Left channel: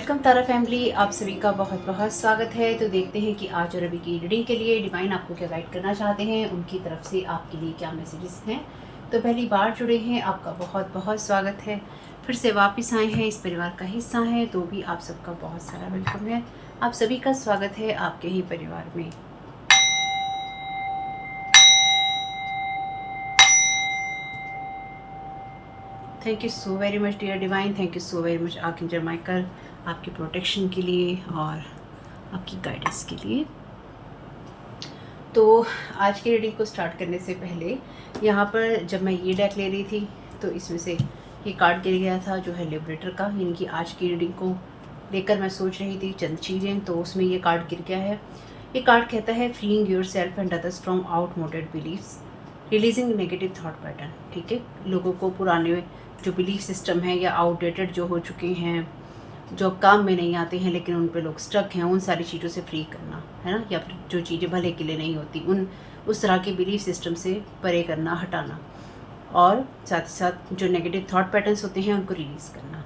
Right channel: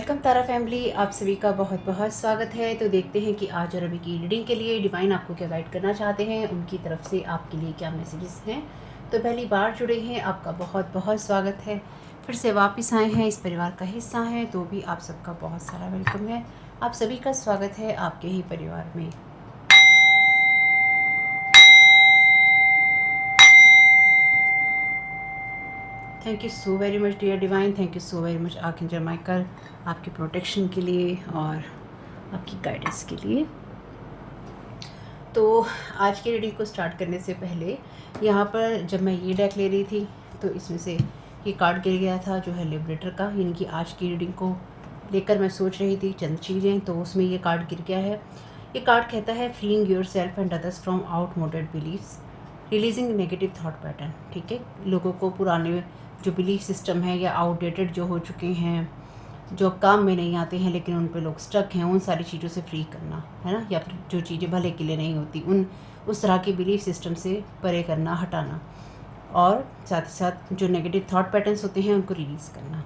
Welcome तारा family, आप सभी का बहुत बहुत स्वागत है। तो देखते हैं कि आज और अभी की रीडिंग के लिए डिवाइन आपको क्या गाइड करना चाहते हैं, उनकी तरफ से आपके लिए क्या मैसेजेस हैं। तो पहली बार जुड़े हैं, आपका बहुत बहुत स्वागत है। फिर से वापस आए हैं, इस परिवार का हिस्सा हैं, तो भी आप सबका बहुत सारा वेलकम है। आप सभी का स्वागत है आपके ही परिवार में। Thank you so very much dear divine, thank you so very much archangel Michael, आपकी प्रोटेक्शन के लिए और आपकी गाइडेंस के लिए। तो आज की रीडिंग को स्टार्ट करने से पहले यहाँ पर जब मैं ये डेक ले रही थी तो इसमें से ये कार्ड गिर गया था जो है लिबरेटर का, यानी कि आज की रीडिंग को लेकर मैं सोच रही थी चंद चीज़ें, तो उसमें ये कार्ड गिर गया है। ये कार्ड कहता है freeing your self and others from outmoded beliefs, releasing negative thought pattern. ठीक है, लोगों को पुराने जो बिलीफ सिस्टम है या आउटडेटेड जो हो चुके हैं, जो काम में नहीं आते हैं लेकिन उन पे लोग स्टक हैं, उन सारी चीज़ों से फ्री करना है ना, या फिर जो चीज़ें भले के लिए नहीं होती उस तरह के बिलीफ सिस्टम से परे करना, हटाना, और साथ ही साथ जो नेगेटिव थॉट पैटर्न्स होते हैं उनको रिलीज़ करना।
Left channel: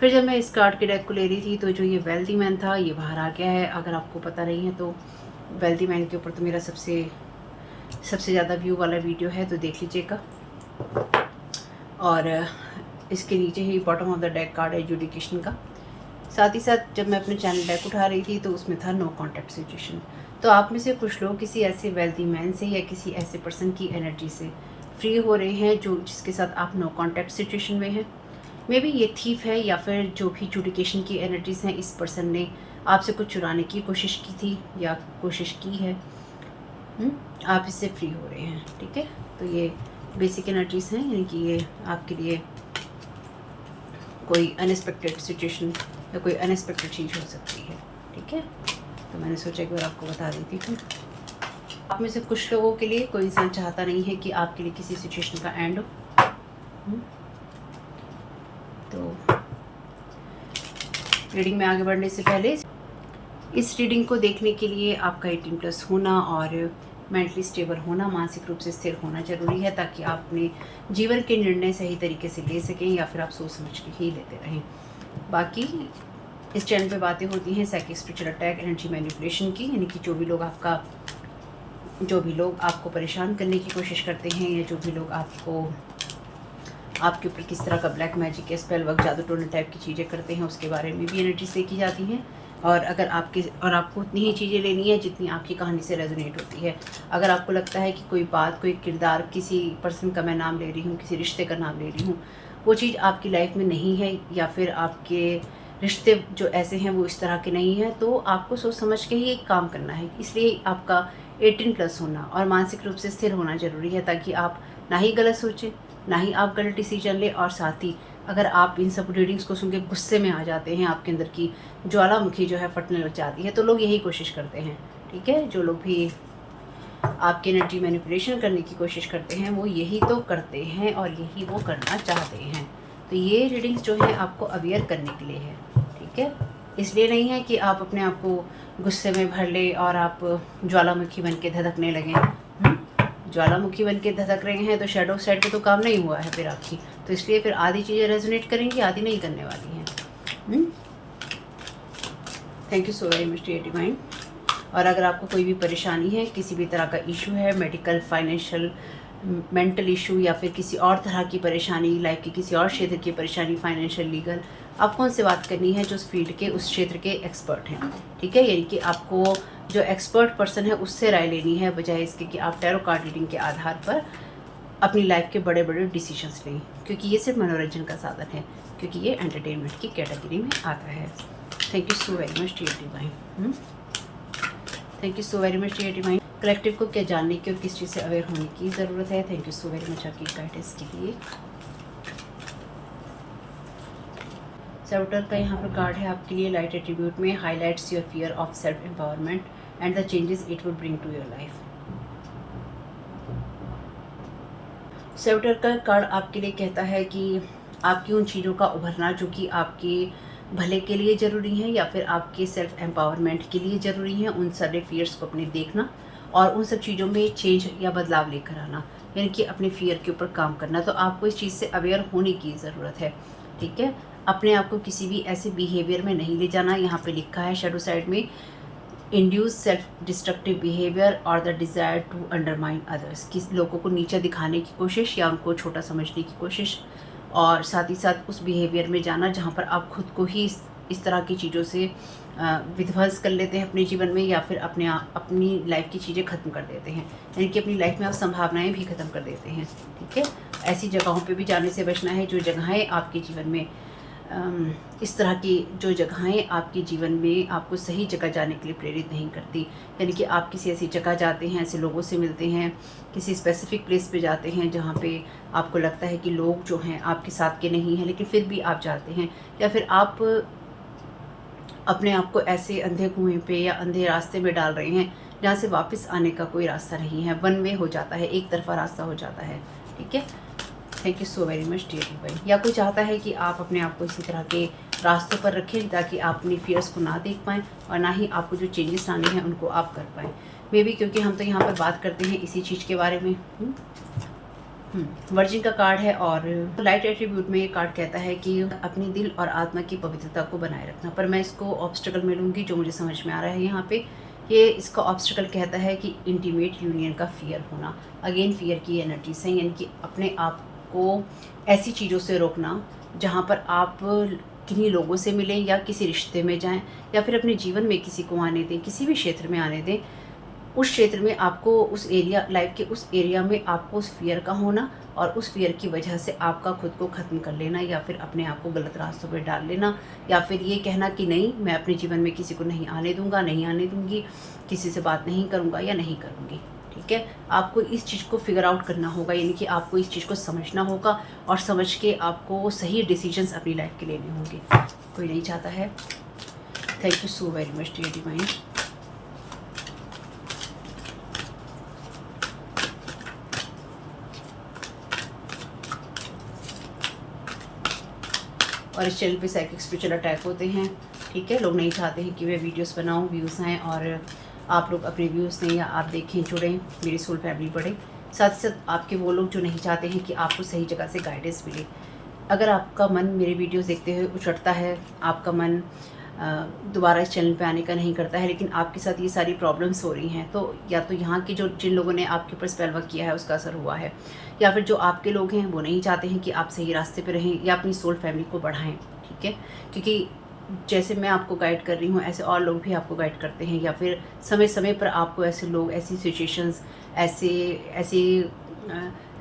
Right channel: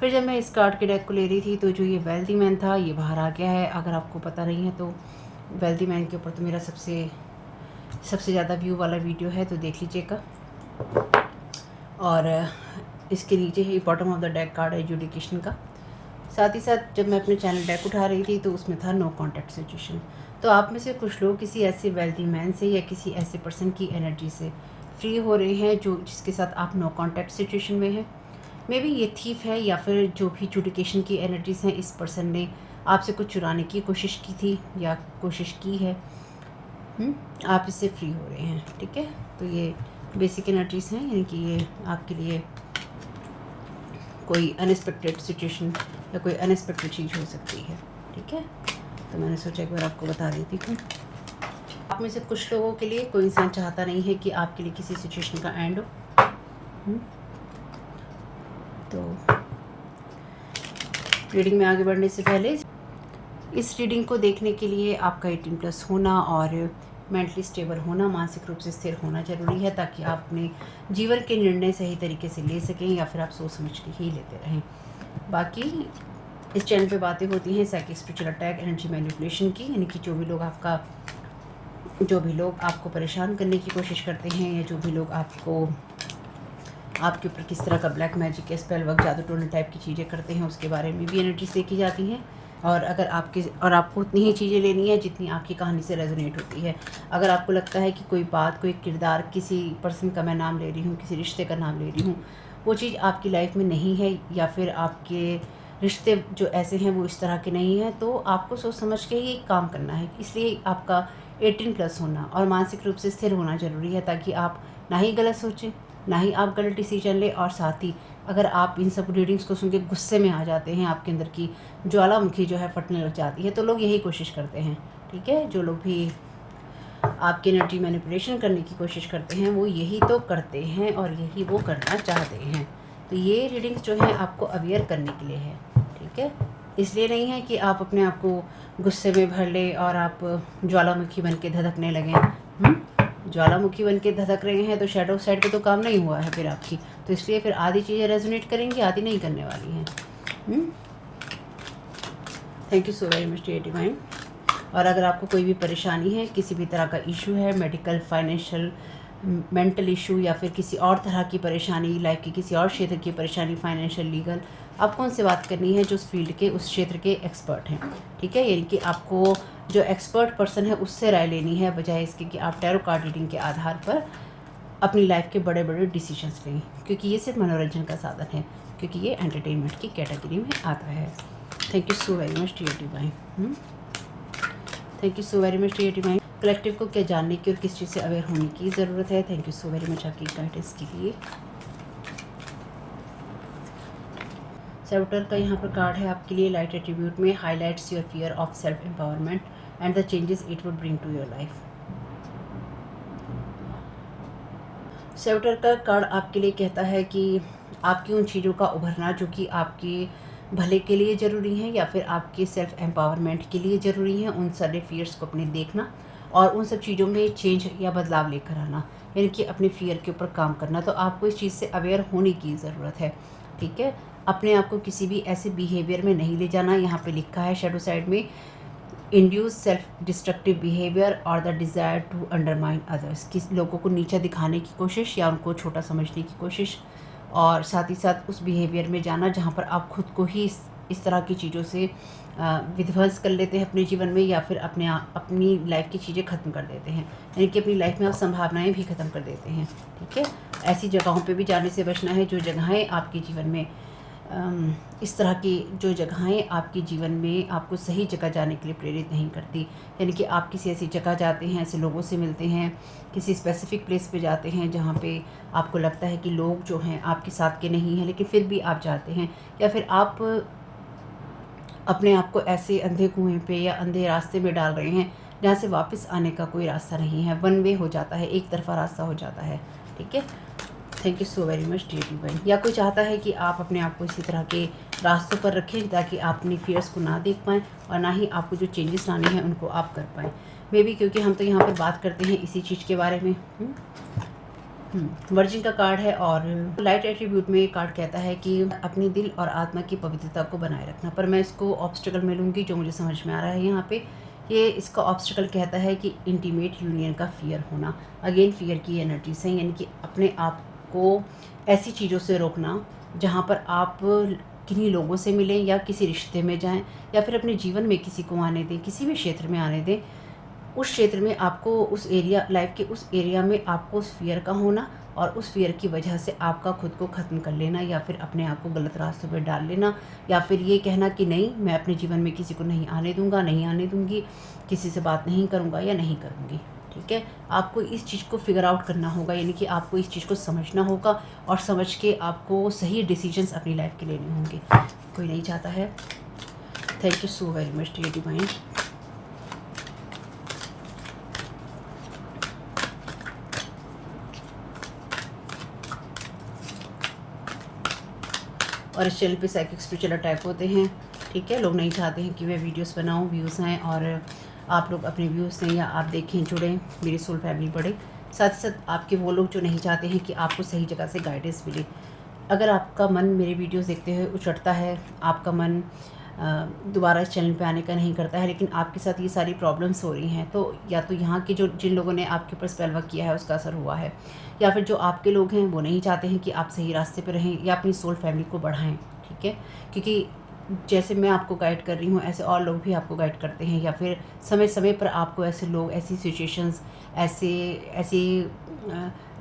फिर जब मैं इस कार्ड के डेक को ले रही थी तो जो ये वेल्दी मैन था ये बाहर आ गया है। अगर आपको पता नहीं है तो वेल्दी मैन के ऊपर तो मेरा सबसे ज़्यादा व्यू वाला वीडियो है, तो देख लीजिएगा। और इसके नीचे ही bottom of the deck card है एजुकेशन का। साथ ही साथ जब मैं अपने चैनल डेक उठा रही थी तो उसमें था नो कॉन्टैक्ट सिचुएशन। तो आप में से कुछ लोग किसी ऐसे वेल्दी मैन से या किसी ऐसे पर्सन की एनर्जी से फ्री हो रहे हैं जिसके साथ आप नो कॉन्टैक्ट सिचुएशन में हैं। मे बी ये थीफ है या फिर जो भी एजुकेशन की एनर्जीज हैं, इस पर्सन ने आपसे कुछ चुराने की कोशिश की थी या कोशिश की है। आप इससे फ्री हो रहे हैं। ठीक है, तो ये बेसिक एनर्जीज हैं, यानी कि ये आपके लिए कोई अनएक्सपेक्टेड सिचुएशन या कोई अनएक्सपेक्टेड चीज़ हो सकती है। ठीक है, तो मैंने सोचा एक बार आपको बता देती थी। आप में से कुछ लोगों के लिए कोई इंसान चाहता नहीं है कि आपके लिए किसी सिचुएशन का एंड हो। तो रीडिंग में आगे बढ़ने से पहले इस रीडिंग को देखने के लिए आपका 18+ होना और मेंटली स्टेबल होना, मानसिक रूप से स्थिर होना ज़रूरी है, ताकि आप अपने जीवन के निर्णय सही तरीके से ले सकें या फिर आप सोच समझ के ही लेते रहें। बाकी इस चैनल पे बातें होती हैं psychic, spiritual attack, energy manipulation की, यानी कि जो भी लोग आपको परेशान करने की कोशिश करते हैं या जो भी लोग आपके ऊपर किस तरह का ब्लैक मैजिक या स्पेल वर्क, जादू टोने टाइप की चीज़ें करते हैं, उसके बारे में भी एनर्जीज देखी जाती हैं। और अगर आपको उतनी ही चीज़ें लेनी है जितनी आपकी कहानी से रेजोनेट होती है। अगर आपको लगता है कि कोई बात, कोई किरदार, किसी पर्सन का मैं नाम ले रही हूँ, किसी रिश्ते का नाम ले रही हूँ, वो चीज़ आपकी लाइफ में नहीं है या फिर आपके रिश्ते जो ऐसे हैं वो इस तरह के नहीं हैं, तो आपको सोच समझ के ही एक काम करना है। इसलिए आपका 18+ होना और मानसिक रूप से स्थिर होना ज़रूरी है, ताकि आप ना ही गलत सोचें, ना ही आप गलत डिसीजन लें। और साथ ही अगर आप इन सब रीडिंग्स को सुन के गुस्से में आ जाते हैं, आपके अंदर की ज्वालामुखी जो है फटने लग जाती है, तो लोग यही कोशिश करते हैं। ठीक है, जो लोग भी आपकी एनर्जी मैनिपुलेशन करने की कोशिश करते हैं वो यही तो करते हैं और यही वो करना चाहते हैं। तो ये रीडिंग्स जो है आपको अवेयर करने के लिए है। ठीक है, इसलिए नहीं है कि आप अपने आप को गुस्से में भर ले और आप ज्वालामुखी बन के धधकने लगें। ज्वालामुखी बन के धधक रहे हैं तो शैडो साइड पे तो काम नहीं हुआ है फिर आपकी, तो इसलिए फिर आधी चीज़ें रेजोनेट करेंगी, आधी नहीं करने वाली हैं। Thank you so very much dear divine. और अगर आपको कोई भी परेशानी है, किसी भी तरह का इशू है, मेडिकल, फाइनेंशियल, मेंटल इशू या फिर किसी और तरह की परेशानी, लाइफ की किसी और क्षेत्र की परेशानी, फाइनेंशियल, लीगल, आपको उनसे बात करनी है जो उस फील्ड के, उस क्षेत्र के एक्सपर्ट हैं। ठीक है, यानी कि आपको जो एक्सपर्ट पर्सन है उससे राय लेनी है, बजाय इसके कि आप टैरो कार्ड रीडिंग के आधार पर अपनी लाइफ के बड़े बड़े डिसीजंस लें, क्योंकि ये सिर्फ मनोरंजन का साधन है, क्योंकि ये एंटरटेनमेंट की कैटेगरी में आता है। Thank you so very much dear divine. Thank you so very much dear divine. Collective को क्या जानने की और किस चीज़ से अवेयर होने की ज़रूरत है। Thank you so very much आपकी गाइडेंस के लिए। सर्वेटर का यहाँ पर कार्ड है आपके लिए लाइट एट्रीब्यूट में, highlights your fear of self empowerment and the changes it would bring to your life. सर्वेटर का कार्ड आपके लिए कहता है कि आपकी उन चीज़ों का उभरना जो कि आपके भले के लिए ज़रूरी हैं या फिर आपके सेल्फ एम्पावरमेंट के लिए ज़रूरी हैं, उन सारे फियर्स को अपने देखना और उन सब चीज़ों में चेंज या बदलाव लेकर आना, यानी कि अपने फियर के ऊपर काम करना। तो आपको इस चीज़ से अवेयर होने की ज़रूरत है। ठीक है, अपने आप को किसी भी ऐसे बिहेवियर में नहीं ले जाना। यहाँ पे लिखा है शैडो साइड में, इंड्यूस सेल्फ डिस्ट्रक्टिव बिहेवियर और the desire to undermine others, किस लोगों को नीचा दिखाने की कोशिश या उनको छोटा समझने की कोशिश, और साथ ही साथ उस बिहेवियर में जाना जहाँ पर आप खुद को ही इस तरह की चीज़ों से विध्वंस कर लेते हैं अपने जीवन में, या फिर अपनी लाइफ की चीज़ें ख़त्म कर देते हैं, यानी कि अपनी लाइफ में आप संभावनाएं भी ख़त्म कर देते हैं। ठीक है, ऐसी जगहों पे भी जाने से बचना है जो जगहें आपके जीवन में इस तरह की जो जगहें आपके जीवन में आपको सही जगह जाने के लिए प्रेरित नहीं करती, यानी कि आप किसी ऐसी जगह जाते हैं, ऐसे लोगों से मिलते हैं, किसी स्पेसिफिक प्लेस पे जाते हैं जहाँ पे आपको लगता है कि लोग जो हैं आपके साथ के नहीं हैं, लेकिन फिर भी आप जाते हैं, या फिर आप अपने आप को ऐसे अंधे कुएं पे या अंधे रास्ते में डाल रहे हैं जहाँ से वापस आने का कोई रास्ता नहीं है, वन वे हो जाता है, एक तरफा रास्ता हो जाता है। ठीक है, thank you so very much dear divine. या कोई चाहता है कि आप अपने आप को इसी तरह के रास्तों पर रखें ताकि आप अपनी फियर्स को ना देख पाएँ और ना ही आपको जो चेंजेस लाने हैं उनको आप कर पाएँ। मे बी क्योंकि हम तो यहाँ पर बात करते हैं इसी चीज़ के बारे में। वर्जिन का कार्ड है और लाइट एट्रीब्यूट में ये कार्ड कहता है कि अपनी दिल और आत्मा की पवित्रता को बनाए रखना, पर मैं इसको ऑब्स्टिकल में लूँगी जो मुझे समझ में आ रहा है यहाँ पे। ये इसका ऑब्स्टिकल कहता है कि इंटीमेट यूनियन का फियर होना, अगेन फियर की एनर्जी से, यानी कि अपने आप को ऐसी चीज़ों से रोकना जहाँ पर आप किन्हीं लोगों से मिलें या किसी रिश्ते में जाएं या फिर अपने जीवन में किसी को आने दें, किसी भी क्षेत्र में आने दें, उस क्षेत्र में आपको उस एरिया लाइफ के उस एरिया में आपको उस फियर का होना और उस फियर की वजह से आपका खुद को ख़त्म कर लेना या फिर अपने आप को गलत रास्तों पर डाल लेना, या फिर ये कहना कि नहीं मैं अपने जीवन में किसी को नहीं आने दूंगा, नहीं आने दूंगी, किसी से बात नहीं करूंगा या नहीं करूंगी। ठीक है, आपको इस चीज़ को फिगर आउट करना होगा, यानी कि आपको इस चीज़ को समझना होगा और समझ के आपको सही डिसीजंस अपनी लाइफ के लेने होंगे। कोई नहीं चाहता है। Thank you so very much dear divine. और इस चैनल पे साइकिक स्पिरिचुअल अटैक होते हैं। ठीक है, लोग नहीं चाहते हैं कि मैं वीडियोस बनाऊं, व्यूज़ हैं और आप लोग अपने व्यूज़ दें या आप देखें, जुड़ें, मेरी सोल फैमिली बढ़े। साथ ही साथ आपके वो लोग जो नहीं चाहते हैं कि आपको सही जगह से गाइडेंस मिले। अगर आपका मन मेरे वीडियोस देखते हुए उचटता है, आपका मन दोबारा इस चैनल पे आने का नहीं करता है, लेकिन आपके साथ ये सारी प्रॉब्लम्स हो रही हैं, तो या तो यहाँ के जो जिन लोगों ने आपके ऊपर स्पेल वर्क किया है उसका असर हुआ है, या फिर जो आपके लोग हैं वो नहीं चाहते हैं कि आप सही रास्ते पे रहें या अपनी सोल फैमिली को बढ़ाएं। ठीक है, क्योंकि जैसे मैं आपको गाइड कर रही हूँ ऐसे और लोग भी आपको गाइड करते हैं, या फिर समय समय पर आपको ऐसे लोग, ऐसी सिचुएशंस, ऐसे ऐसे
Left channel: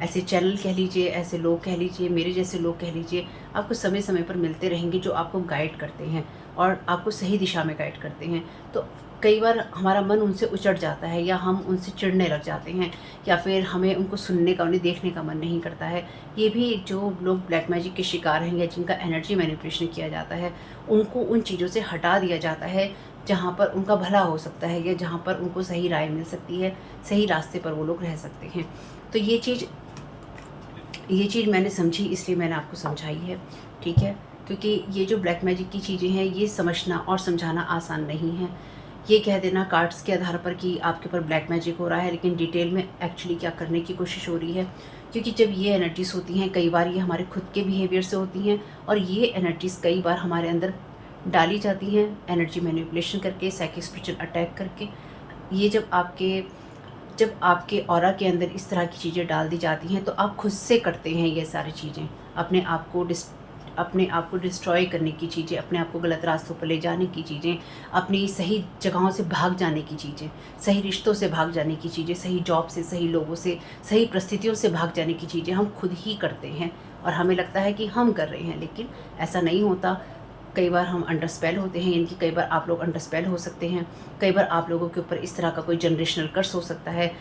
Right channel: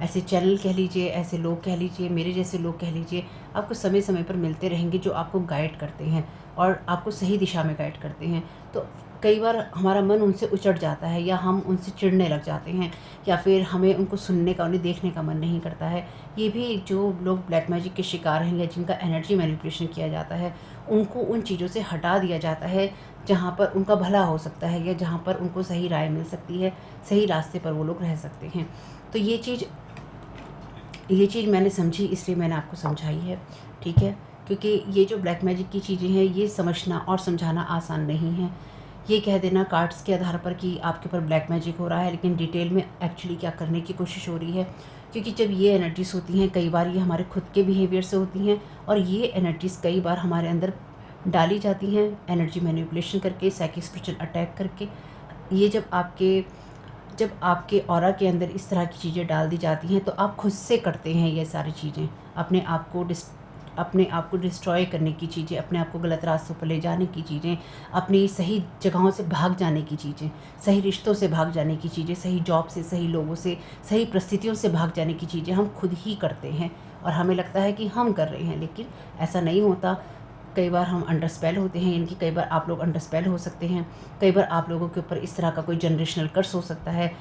ऐसे चैनल कह लीजिए, ऐसे लोग कह लीजिए, मेरे जैसे लोग कह लीजिए, आपको समय समय पर मिलते रहेंगे जो आपको गाइड करते हैं और आपको सही दिशा में गाइड करते हैं। तो कई बार हमारा मन उनसे उचट जाता है या हम उनसे चिढ़ने लग जाते हैं या फिर हमें उनको सुनने का, उन्हें देखने का मन नहीं करता है। ये भी जो लोग ब्लैक मैजिक के शिकार हैं या जिनका एनर्जी मैनिपुलेशन किया जाता है, उनको उन चीज़ों से हटा दिया जाता है जहाँ पर उनका भला हो सकता है या जहाँ पर उनको सही राय मिल सकती है, सही रास्ते पर वो लोग रह सकते हैं। तो ये चीज़ मैंने समझी, इसलिए मैंने आपको समझाई है। ठीक है, क्योंकि ये जो ब्लैक मैजिक की चीज़ें हैं ये समझना और समझाना आसान नहीं है। ये कह देना कार्ड्स के आधार पर कि आपके ऊपर ब्लैक मैजिक हो रहा है, लेकिन डिटेल में एक्चुअली क्या करने की कोशिश हो रही है, क्योंकि जब ये एनर्जीज होती हैं कई बार ये हमारे खुद के बिहेवियर से होती हैं और ये एनर्जीज कई बार हमारे अंदर डाली जाती हैं एनर्जी मैनिपुलेशन करके, साइकिक स्पिरिचुअल अटैक करके। ये जब आपके ऑरा के अंदर इस तरह की चीज़ें डाल दी जाती हैं तो आप खुद से करते हैं ये सारी चीज़ें, अपने आप को डिस्ट्रॉय करने की चीज़ें, अपने आप को गलत रास्तों पर ले जाने की चीज़ें, अपनी सही जगहों से भाग जाने की चीज़ें, सही रिश्तों से भाग जाने की चीज़ें, सही जॉब से, सही लोगों से, सही परिस्थितियों से भाग जाने की चीज़ें हम खुद ही करते हैं और हमें लगता है कि हम कर रहे हैं, लेकिन ऐसा नहीं होता। कई बार हम अंडर स्पेल होते हैं, यानी कि कई बार आप लोग अंडर स्पेल हो सकते हैं, कई बार आप लोगों के ऊपर इस तरह का कोई जनरेशनल कर्स हो सकता है,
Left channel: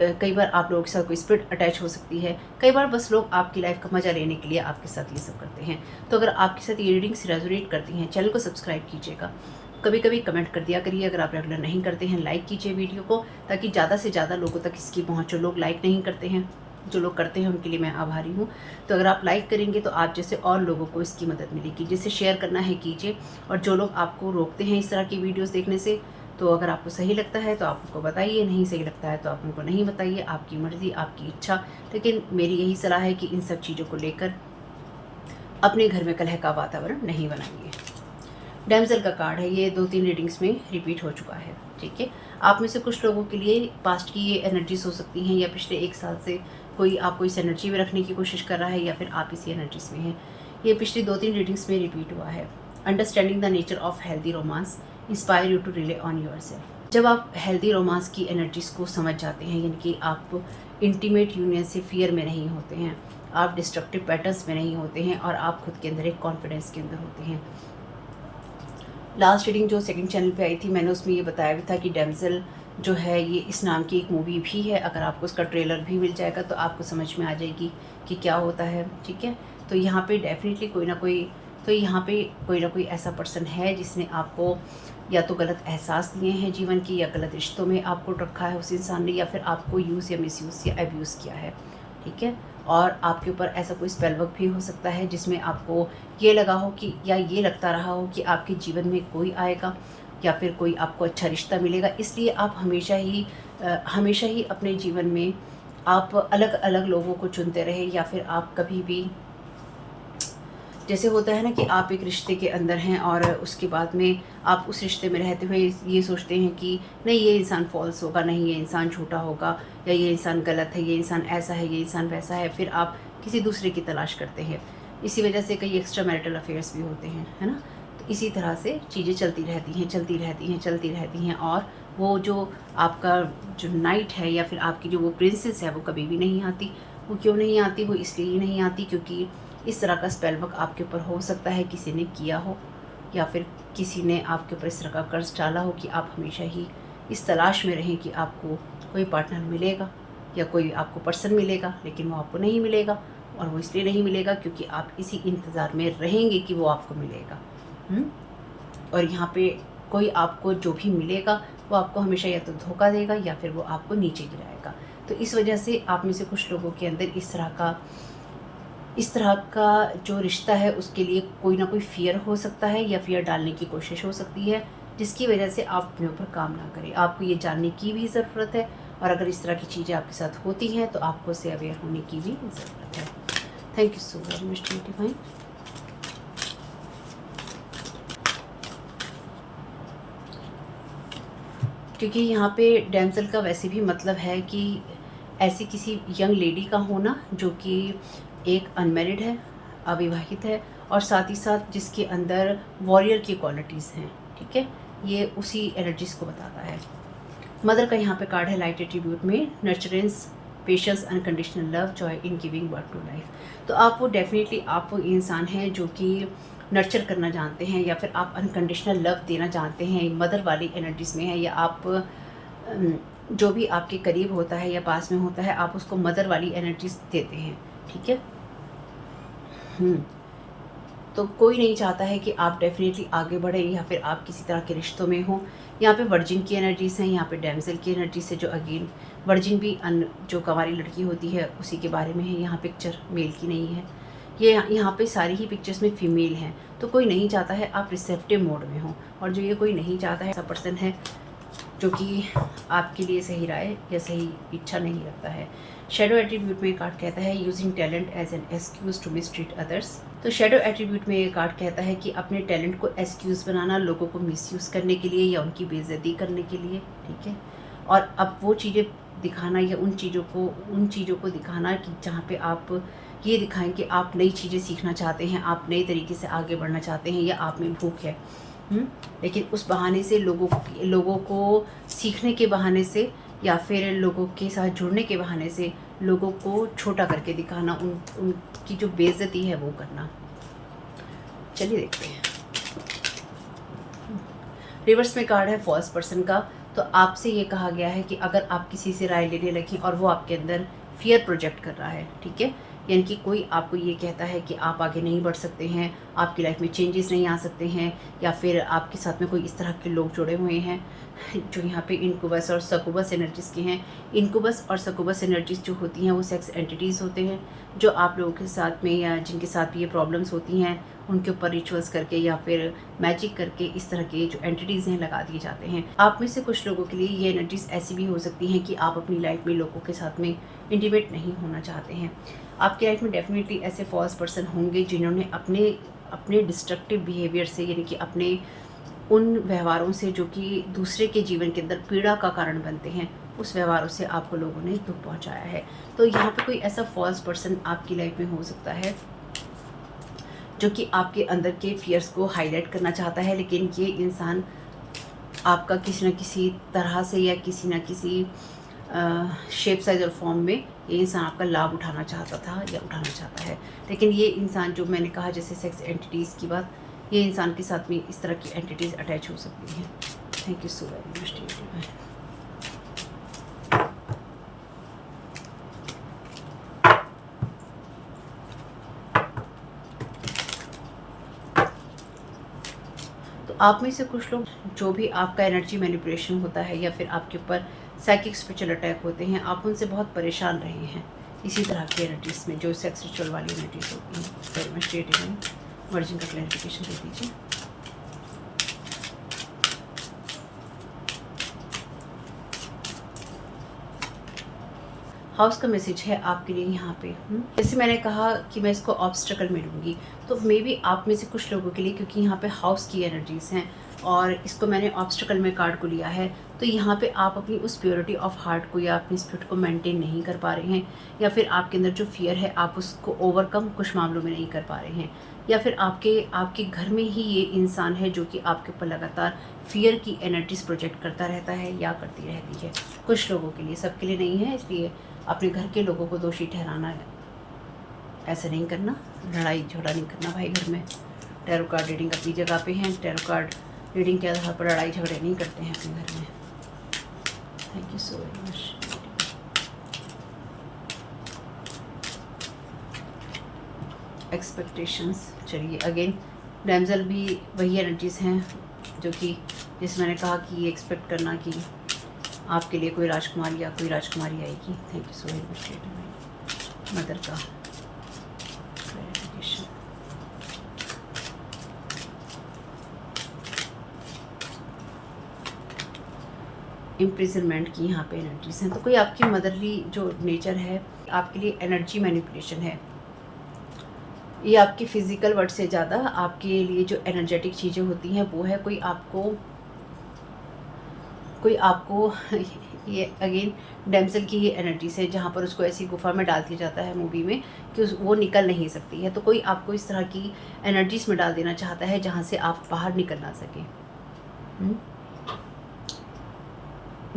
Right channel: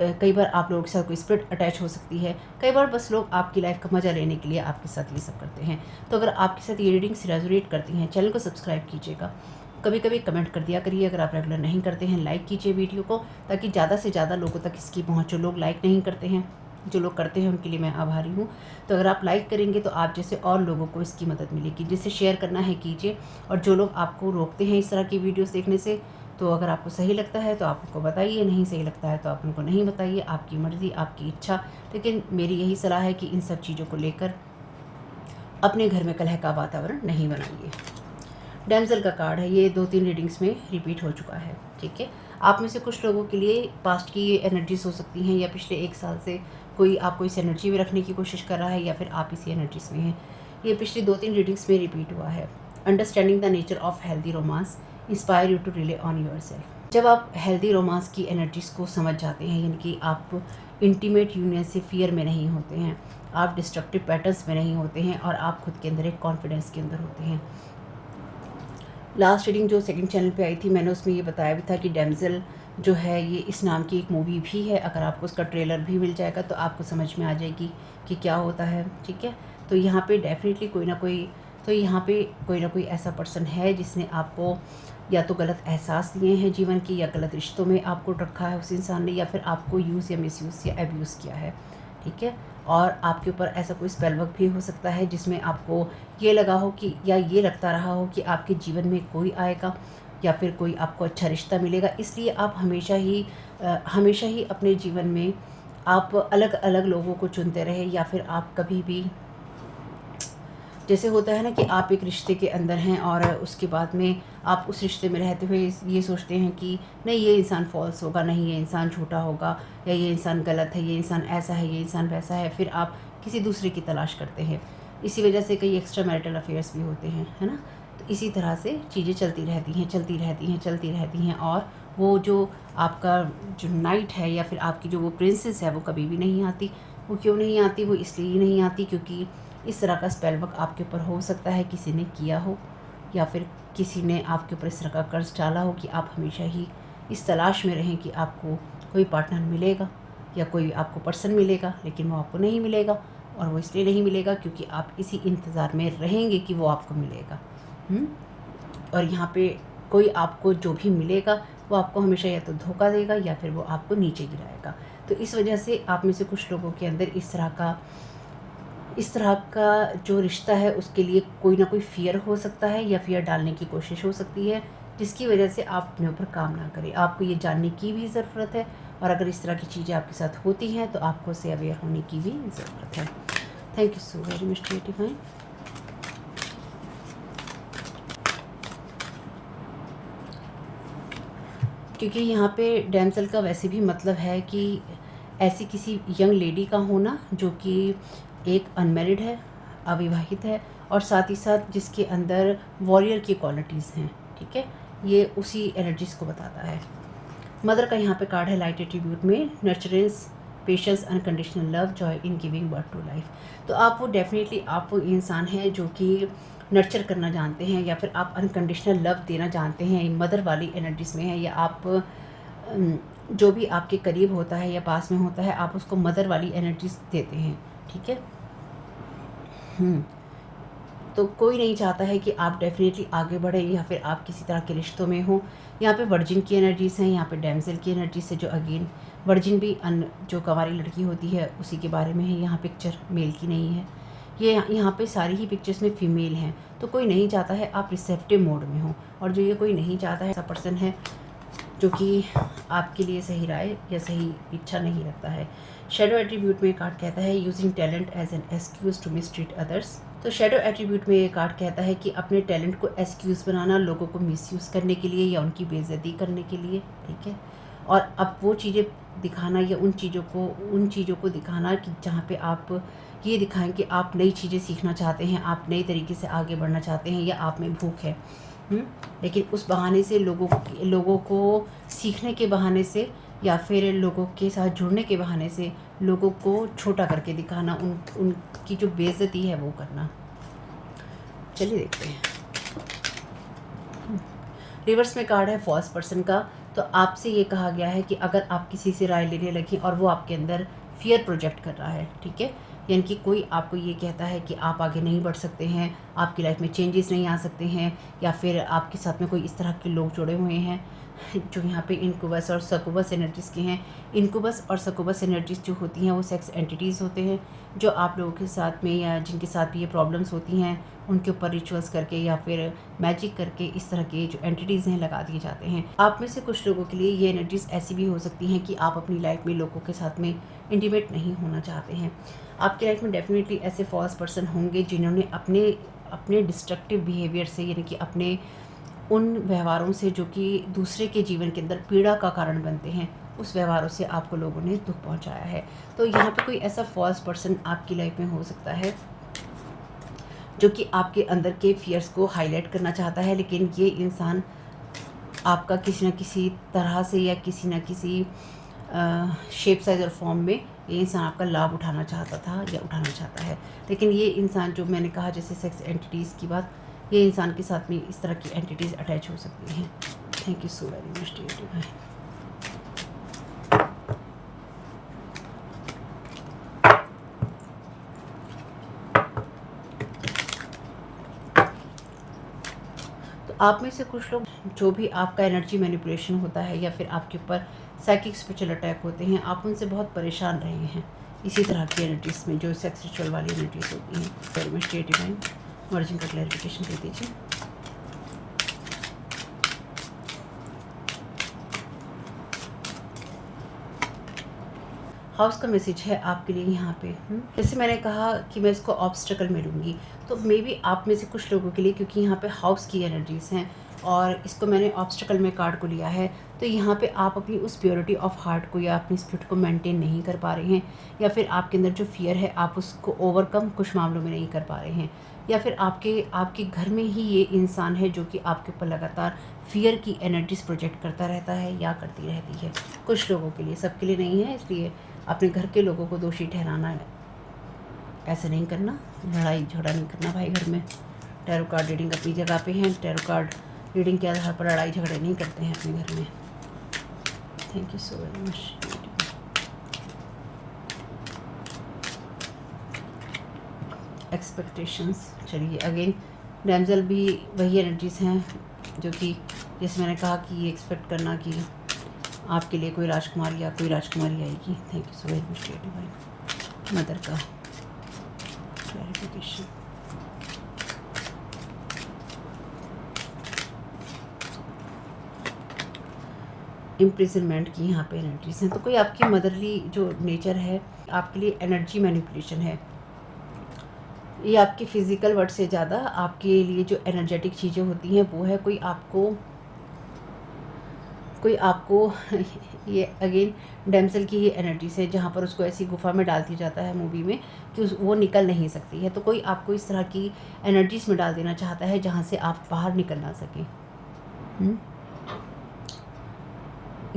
कई बार आप लोगों के साथ कोई स्पिरिट अटैच हो सकती है, कई बार बस लोग आपकी लाइफ का मज़ा लेने के लिए आपके साथ ये सब करते हैं। तो अगर आपके साथ ये रीडिंग्स रेजोनेट करती हैं, चैनल को सब्सक्राइब कीजिएगा, कभी कभी कमेंट कर दिया करिए। अगर आप रेगुलर नहीं करते हैं लाइक कीजिए वीडियो को, ताकि ज़्यादा से ज़्यादा लोगों तक इसकी पहुँच। जो लोग लाइक नहीं करते हैं, जो लोग करते हैं उनके लिए मैं आभारी हूँ। तो अगर आप लाइक करेंगे तो आप जैसे और लोगों को इसकी मदद मिलेगी। जिसे शेयर करना है कीजिए, और जो लोग आपको रोकते हैं इस तरह की वीडियोस देखने से, तो अगर आपको सही लगता है तो आप उनको बताइए, नहीं सही लगता है तो आप उनको नहीं बताइए, आपकी मर्ज़ी, आपकी इच्छा। लेकिन मेरी यही सलाह है कि इन सब चीज़ों को लेकर अपने घर में कलह का वातावरण नहीं बनाइए। डैमसल का कार्ड है, ये 2-3 रीडिंग्स में रिपीट हो चुका है, ठीक है। आप में से कुछ लोगों के लिए पास्ट की ये एनर्जीज हो सकती हैं, या पिछले 1 साल से कोई आपको इस एनर्जी में रखने की कोशिश कर रहा है, या फिर आप इसी एनर्जीज में हैं। ये पिछली 2-3 रीडिंग्स में रिपीट हुआ है। Understanding the nature of healthy romance inspire you to rely on yourself. जब आप हेल्दी रोमांस की एनर्जीज को समझ जाते हैं, यानी कि आप इंटीमेट यूनियन से फियर में नहीं होते हैं, आप डिस्ट्रक्टिव पैटर्न्स में नहीं होते हैं, और आप खुद के अंदर एक कॉन्फिडेंस के अंदर होते हैं। लास्ट रीडिंग जो सेकंड चैनल पे आई थी, मैंने उसमें ये बताया भी था कि डैमसल जो है ये इस नाम की एक मूवी भी है। अगर आपको उसका ट्रेलर भी मिल जाएगा तो आपको समझ में आ जाएगी कि क्या होता है, ठीक है। तो यहाँ पे डेफिनेटली कोई ना कोई ऐसा पर्सन है जिसने आपको या तो गलत एहसास दिए हैं जीवन की, या गलत रिश्तों में आपको रखा है उस इंसान ने, या फिर आपको यूज़ या मिसयूज़ या अब्यूज़ किया है, ठीक है। और आपके ऊपर ऐसा कोई स्पेल वर्क भी हो सकता है जिसमें आपको ये लगा हो कि, या ये लगता रहा हो कि आपके जीवन में कोई आएगा या फिर कोई आपको अच्छा रिश्ता मिलेगा। इसलिए आप हमेशा ही अपने जीवन में आप अलग अलग लोगों को चुनते रहे, या फिर आप कभी भी, जैसे होता है ना कि आप एक रिश्ते के अंदर हैं और उसके बाद में आप उस रिश्ते में रहते हुए ये सोचते हैं कि नहीं ये इंसान फॉल्स होगा, नहीं ये इंसान झूठा होगा, या ये इंसान गलत है, ये इंसान ऐसा है, ये इंसान वैसा है, फिर आप किसी दूसरे की तलाश करते हैं। इसी वजह से कई एक्स्ट्रा मैरिटल अफेयर्स भी होते हैं, है ना। तो इसी तरह से चीज़ें चलती रहती हैं, और वो जो आपका जो नाइट है, या फिर आपकी जो वो प्रिंसेस है, वो कभी भी नहीं आती। वो क्यों नहीं आती? वो इसलिए ही नहीं आती क्योंकि इस तरह का स्पेल वर्क आपके ऊपर हो सकता है किसी ने किया हो, या फिर किसी ने आपके ऊपर इस तरह का कर्ज डाला हो कि आप हमेशा ही इस तलाश में रहें कि आपको कोई पार्टनर मिलेगा या कोई आपको पर्सन मिलेगा, लेकिन वो आपको नहीं मिलेगा। और वो इसलिए नहीं मिलेगा क्योंकि आप इसी इंतज़ार में रहेंगे कि वो आपको मिलेगा। और यहाँ पे कोई आपको जो भी मिलेगा वो आपको हमेशा या तो धोखा देगा, या फिर वो आपको नीचे गिराएगा। तो इस वजह से आप में से कुछ लोगों के अंदर इस तरह का जो रिश्ता है उसके लिए कोई ना कोई फ़ियर हो सकता है, या फ़ियर डालने की कोशिश हो सकती है, जिसकी वजह से आप अपने ऊपर काम ना करें। आपको ये जानने की भी ज़रूरत है, और अगर इस तरह की चीज़ें आपके साथ होती हैं तो आपको उससे अवेयर होने की भी ज़रूरत है। Thank you so very much divine. क्योंकि यहाँ पे डैमसल का वैसे भी मतलब है कि ऐसी किसी यंग लेडी का होना जो कि एक अनमैरिड है, अविवाहित है, और साथ ही साथ जिसके अंदर वॉरियर की क्वालिटीज़ हैं, ठीक है। ये उसी एनर्जीज़ को बताता है। मदर का यहाँ पे कार्ड है लाइट एट्रीब्यूट में, nurturance, patience, unconditional love, joy in giving birth to life. तो आप वो डेफिनेटली आप वो इंसान हैं जो कि नर्चर करना जानते हैं, या फिर आप अनकंडीशनल लव देना जानते हैं, मदर वाली एनर्जीज़ में है, या आप जो भी आपके करीब होता है या पास में होता है आप उसको मदर वाली एनर्जीज देते हैं, ठीक है। तो कोई नहीं चाहता है कि आप डेफिनेटली आगे बढ़ें, या फिर आप किसी तरह के रिश्तों में हो। यहाँ पे वर्जिन की एनर्जीज़ हैं, यहाँ पे डैमसल की एनर्जी से, जो अगेन वर्जिन भी जो कंवारी लड़की होती है उसी के बारे में है। यहाँ पिक्चर मेल की नहीं है, ये यहाँ पे सारी ही पिक्चर्स में फीमेल हैं। तो कोई नहीं चाहता है आप रिसेप्टिव मोड में हो, और जो ये कोई नहीं चाहता है ऐसा पर्सन है जो कि आपके लिए सही राय या सही इच्छा नहीं रखता है। शेडो एट्रीब्यूट में कार्ड कहता है using talent as an excuse to mistreat others. तो शेडो एट्रीब्यूट में ये कार्ड कहता है कि अपने टैलेंट को एक्सक्यूज़ बनाना लोगों को मिसयूज़ करने के लिए या उनकी बेइज्जती करने के लिए, ठीक है। और अब वो चीज़ें दिखाना या उन चीज़ों को दिखाना कि जहाँ पे आप ये दिखाएं कि आप नई चीज़ें सीखना चाहते हैं, आप नई तरीके से आगे बढ़ना चाहते हैं, या आप में भूख है। लेकिन उस बहाने से लोगों को सीखने के बहाने से, या फिर लोगों के साथ जुड़ने के बहाने से लोगों को छोटा करके दिखाना, उनकी जो बेइज्जती है वो करना। चलिए देखते हैं। रिवर्स में कार्ड है फॉल्स पर्सन का। तो आपसे ये कहा गया है कि अगर आप किसी से राय लेने लगी और वो आपके अंदर फियर प्रोजेक्ट कर रहा है, ठीक है, यानी कि कोई आपको ये कहता है कि आप आगे नहीं बढ़ सकते हैं, आपकी लाइफ में चेंजेस नहीं आ सकते हैं, या फिर आपके साथ में कोई इस तरह के लोग जुड़े हुए हैं जो यहाँ पे इनक्यूबस और सक्यूबस एनर्जीज़ के हैं। इनक्यूबस और सक्यूबस एनर्जीज़ जो होती हैं वो सेक्स एंटिटीज़ होते हैं, जो आप लोगों के साथ में या जिनके साथ भी ये प्रॉब्लम्स होती हैं उनके ऊपर रिचुअल्स करके या फिर मैजिक करके इस तरह के जो एंटिटीज़ हैं लगा दिए जाते हैं। आप में से कुछ लोगों के लिए ये एनर्जीज़ ऐसी भी हो सकती हैं कि आप अपनी लाइफ में लोगों के साथ में इंटीमेट नहीं होना चाहते हैं। आपकी लाइफ में डेफिनेटली ऐसे फॉल्स पर्सन होंगे जिन्होंने अपने अपने डिस्ट्रक्टिव बिहेवियर से, यानी कि अपने उन व्यवहारों से जो कि दूसरे के जीवन के अंदर पीड़ा का कारण बनते हैं, उस व्यवहारों से आपको लोगों ने दुख पहुंचाया है। तो यहाँ पे कोई ऐसा फॉल्स पर्सन आपकी लाइफ में हो सकता है जो कि आपके अंदर के फियर्स को हाईलाइट करना चाहता है, लेकिन ये इंसान आपका किसी न किसी तरह से या किसी न किसी शेप, साइज और फॉर्म में ये इंसान आपका लाभ उठाना चाहता था या उठाना चाहता है। लेकिन ये इंसान, जो मैंने कहा जैसे सेक्स एंटिटीज़ की बात, ये इंसान के साथ में इस तरह की एंटिटीज़ अटैच हो सकती हैं। Thank you so very much. तो आप में से कुछ लोग, जो भी आपका एनर्जी मैनिपुलेशन होता है या फिर आपके ऊपर साइकिक स्पिरिचुअल अटैक होते हैं, आप उनसे बहुत परेशान रहे हैं इसी तरह की एनर्जीज में, जो सेक्स रिचुअल वाली एनर्जीज होती हैं। वेरी मच डिवाइन, वर्जिन का क्लैरिफिकेशन दे दीजिए। हाउस का मैसेज है आपके लिए यहाँ पे। जैसे मैंने कहा कि मैं इसको ऑब्स्टेकल में लूँगी, तो मे बी आप में से कुछ लोगों के लिए, क्योंकि यहाँ पे हाउस की एनर्जीज हैं और इसको मैंने ऑब्स्टेकल में कार्ड को लिया है, तो यहाँ पे आप अपनी उस प्योरिटी ऑफ हार्ट को या अपनी स्पिरिट को मेंटेन नहीं कर पा रहे हैं, या फिर आपके अंदर जो फियर है आप उसको ओवरकम कुछ मामलों में नहीं कर पा रहे हैं, या फिर आपके घर में ही ये इंसान है जो कि आपके ऊपर लगातार फियर की एनर्जीज प्रोजेक्ट करता रहता है या करती रहती है। कुछ लोगों के लिए, सबके लिए नहीं है, इसलिए अपने घर के लोगों को दोषी ठहराना है, ऐसा नहीं करना, लड़ाई झगड़ा नहीं करना भाई घर में। टैरो कार्ड रीडिंग अपनी जगह पे हैं, टैरो कार्ड रीडिंग के आधार पर लड़ाई झगड़े नहीं करते हैं अपने घर में। Thank you so very much. Expectations, चलिए अगेन डैमजल भी वही एनर्जीज हैं जो कि, जैसे मैंने कहा कि ये एक्सपेक्ट करना कि आपके लिए कोई राजकुमारी या कोई राजकुमारी आएगी। Thank you so very much. Mother का क्लैरिफिकेशन। इम्प्रिजनमेंट की यहाँ पे एनर्जीज हैं, तो कोई आपकी मदरली जो नेचर है आपके लिए एनर्जी मैनिपुलेशन है। ये आपके फिजिकल वर्ड से ज़्यादा आपके लिए जो एनर्जेटिक चीज़ें होती हैं वो है कोई आपको ये अगेन डैमसेल की ये एनर्जी से, जहाँ पर उसको ऐसी गुफा में डाल दिया जाता है मूवी में कि वो निकल नहीं सकती है, तो कोई आपको इस तरह की एनर्जीज में डाल देना चाहता है जहाँ से आप बाहर निकल ना सकें।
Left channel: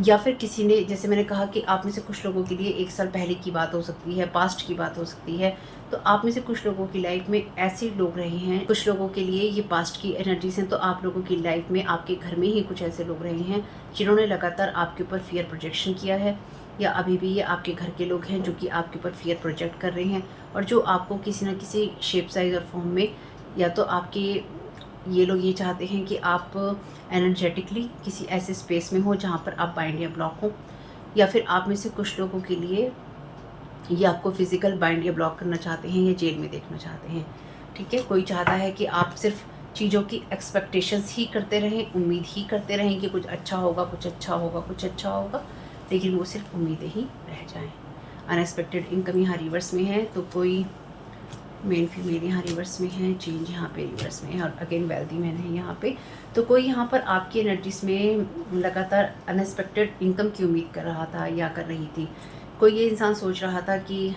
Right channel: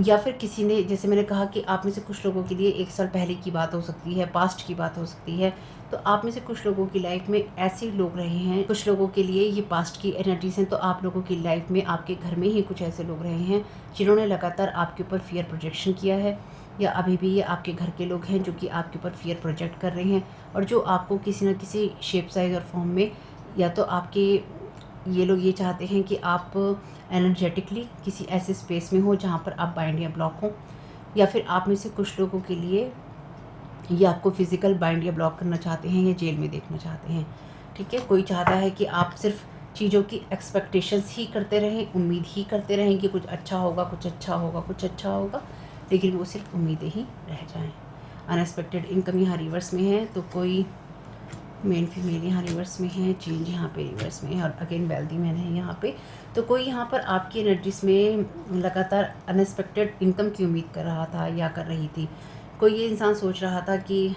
या फिर किसी ने, जैसे मैंने कहा कि आप में से कुछ लोगों के लिए 1 साल पहले की बात हो सकती है, पास्ट की बात हो सकती है, तो आप में से कुछ लोगों की लाइफ में ऐसे लोग रहे हैं, कुछ लोगों के लिए ये पास्ट की एनर्जीज हैं, तो आप लोगों की लाइफ में आपके घर में ही कुछ ऐसे लोग रहे हैं जिन्होंने लगातार आपके ऊपर फियर प्रोजेक्शन किया है, या अभी भी ये आपके घर के लोग हैं जो कि आपके ऊपर फियर प्रोजेक्ट कर रहे हैं, और जो आपको किसी न किसी शेप, साइज और फॉर्म में, या तो आपके ये लोग ये चाहते हैं कि आप एनर्जेटिकली किसी ऐसे स्पेस में हो जहाँ पर आप बाइंड या ब्लॉक हो, या फिर आप में से कुछ लोगों के लिए ये आपको फिजिकल बाइंड या ब्लॉक करना चाहते हैं या जेल में देखना चाहते हैं। ठीक है, कोई चाहता है कि आप सिर्फ चीज़ों की एक्सपेक्टेशंस ही करते रहें, उम्मीद ही करते रहें कि कुछ अच्छा होगा, कुछ अच्छा होगा, कुछ अच्छा होगा, लेकिन वो सिर्फ उम्मीदें ही रह जाएँ। अनएक्सपेक्टेड इनकम यहाँ रिवर्स में है, तो कोई मेल फीमेल यहाँ रिवर्स में है, चेंज यहाँ पे रिवर्स में है, और अगेन वेल्दी मैन है यहाँ पे, तो कोई यहाँ पर आपकी एनर्जीज में लगातार अनएक्सपेक्टेड इनकम की उम्मीद कर रहा था या कर रही थी। कोई ये इंसान सोच रहा था कि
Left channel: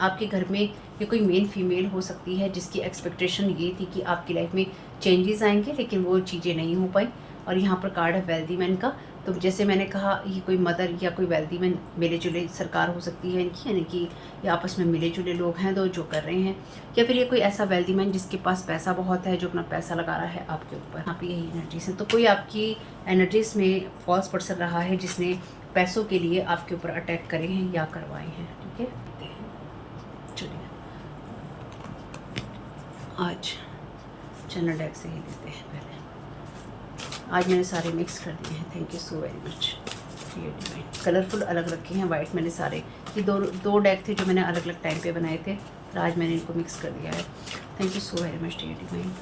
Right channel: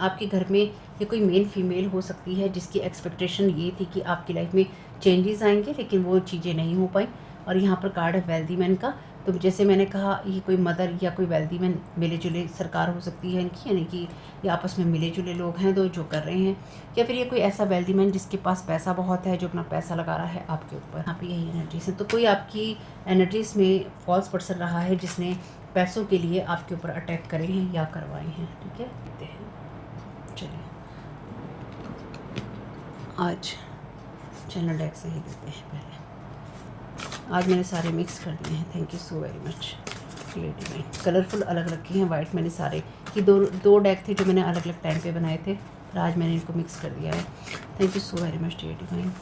आपके घर में ये कोई मेल फीमेल हो सकती है जिसकी एक्सपेक्टेशन ये थी कि आपकी लाइफ में चेंजेस आएंगे, लेकिन वो चीज़ें नहीं हो पाई। और यहाँ पर कार्ड है वेल्दी मैन का, तो जैसे मैंने कहा ये कोई मदर या कोई वेल्दी मैन मिले जुले सरकार हो सकती है इनकी, यानी कि ये आपस में मिले जुले लोग हैं दो जो कर रहे हैं, या फिर ये कोई ऐसा वेल्दी मैन जिसके पास पैसा बहुत है, जो अपना पैसा लगा रहा है आपके ऊपर। यहाँ पे यही एनर्जीज है, तो कोई आपकी एनर्जीज में फॉल्स पर्सन रहा है जिसने पैसों के लिए आपके ऊपर अटैक करे हैं या करवाए हैं। ठीक है, चलिए आज जनरल डेक से ही देते हैं। पहले आज मैंने सारे मिक्स कर दिए हैं। Thank you so very much. Colourful अलग रखे हैं, वाइट मैंने सारे, ये दो डेक थे जो मैंने अलग अलग टाइम पे बनाए थे, और आज मैंने इनको मिक्स कर दिया है। Thank you so very much dear divine.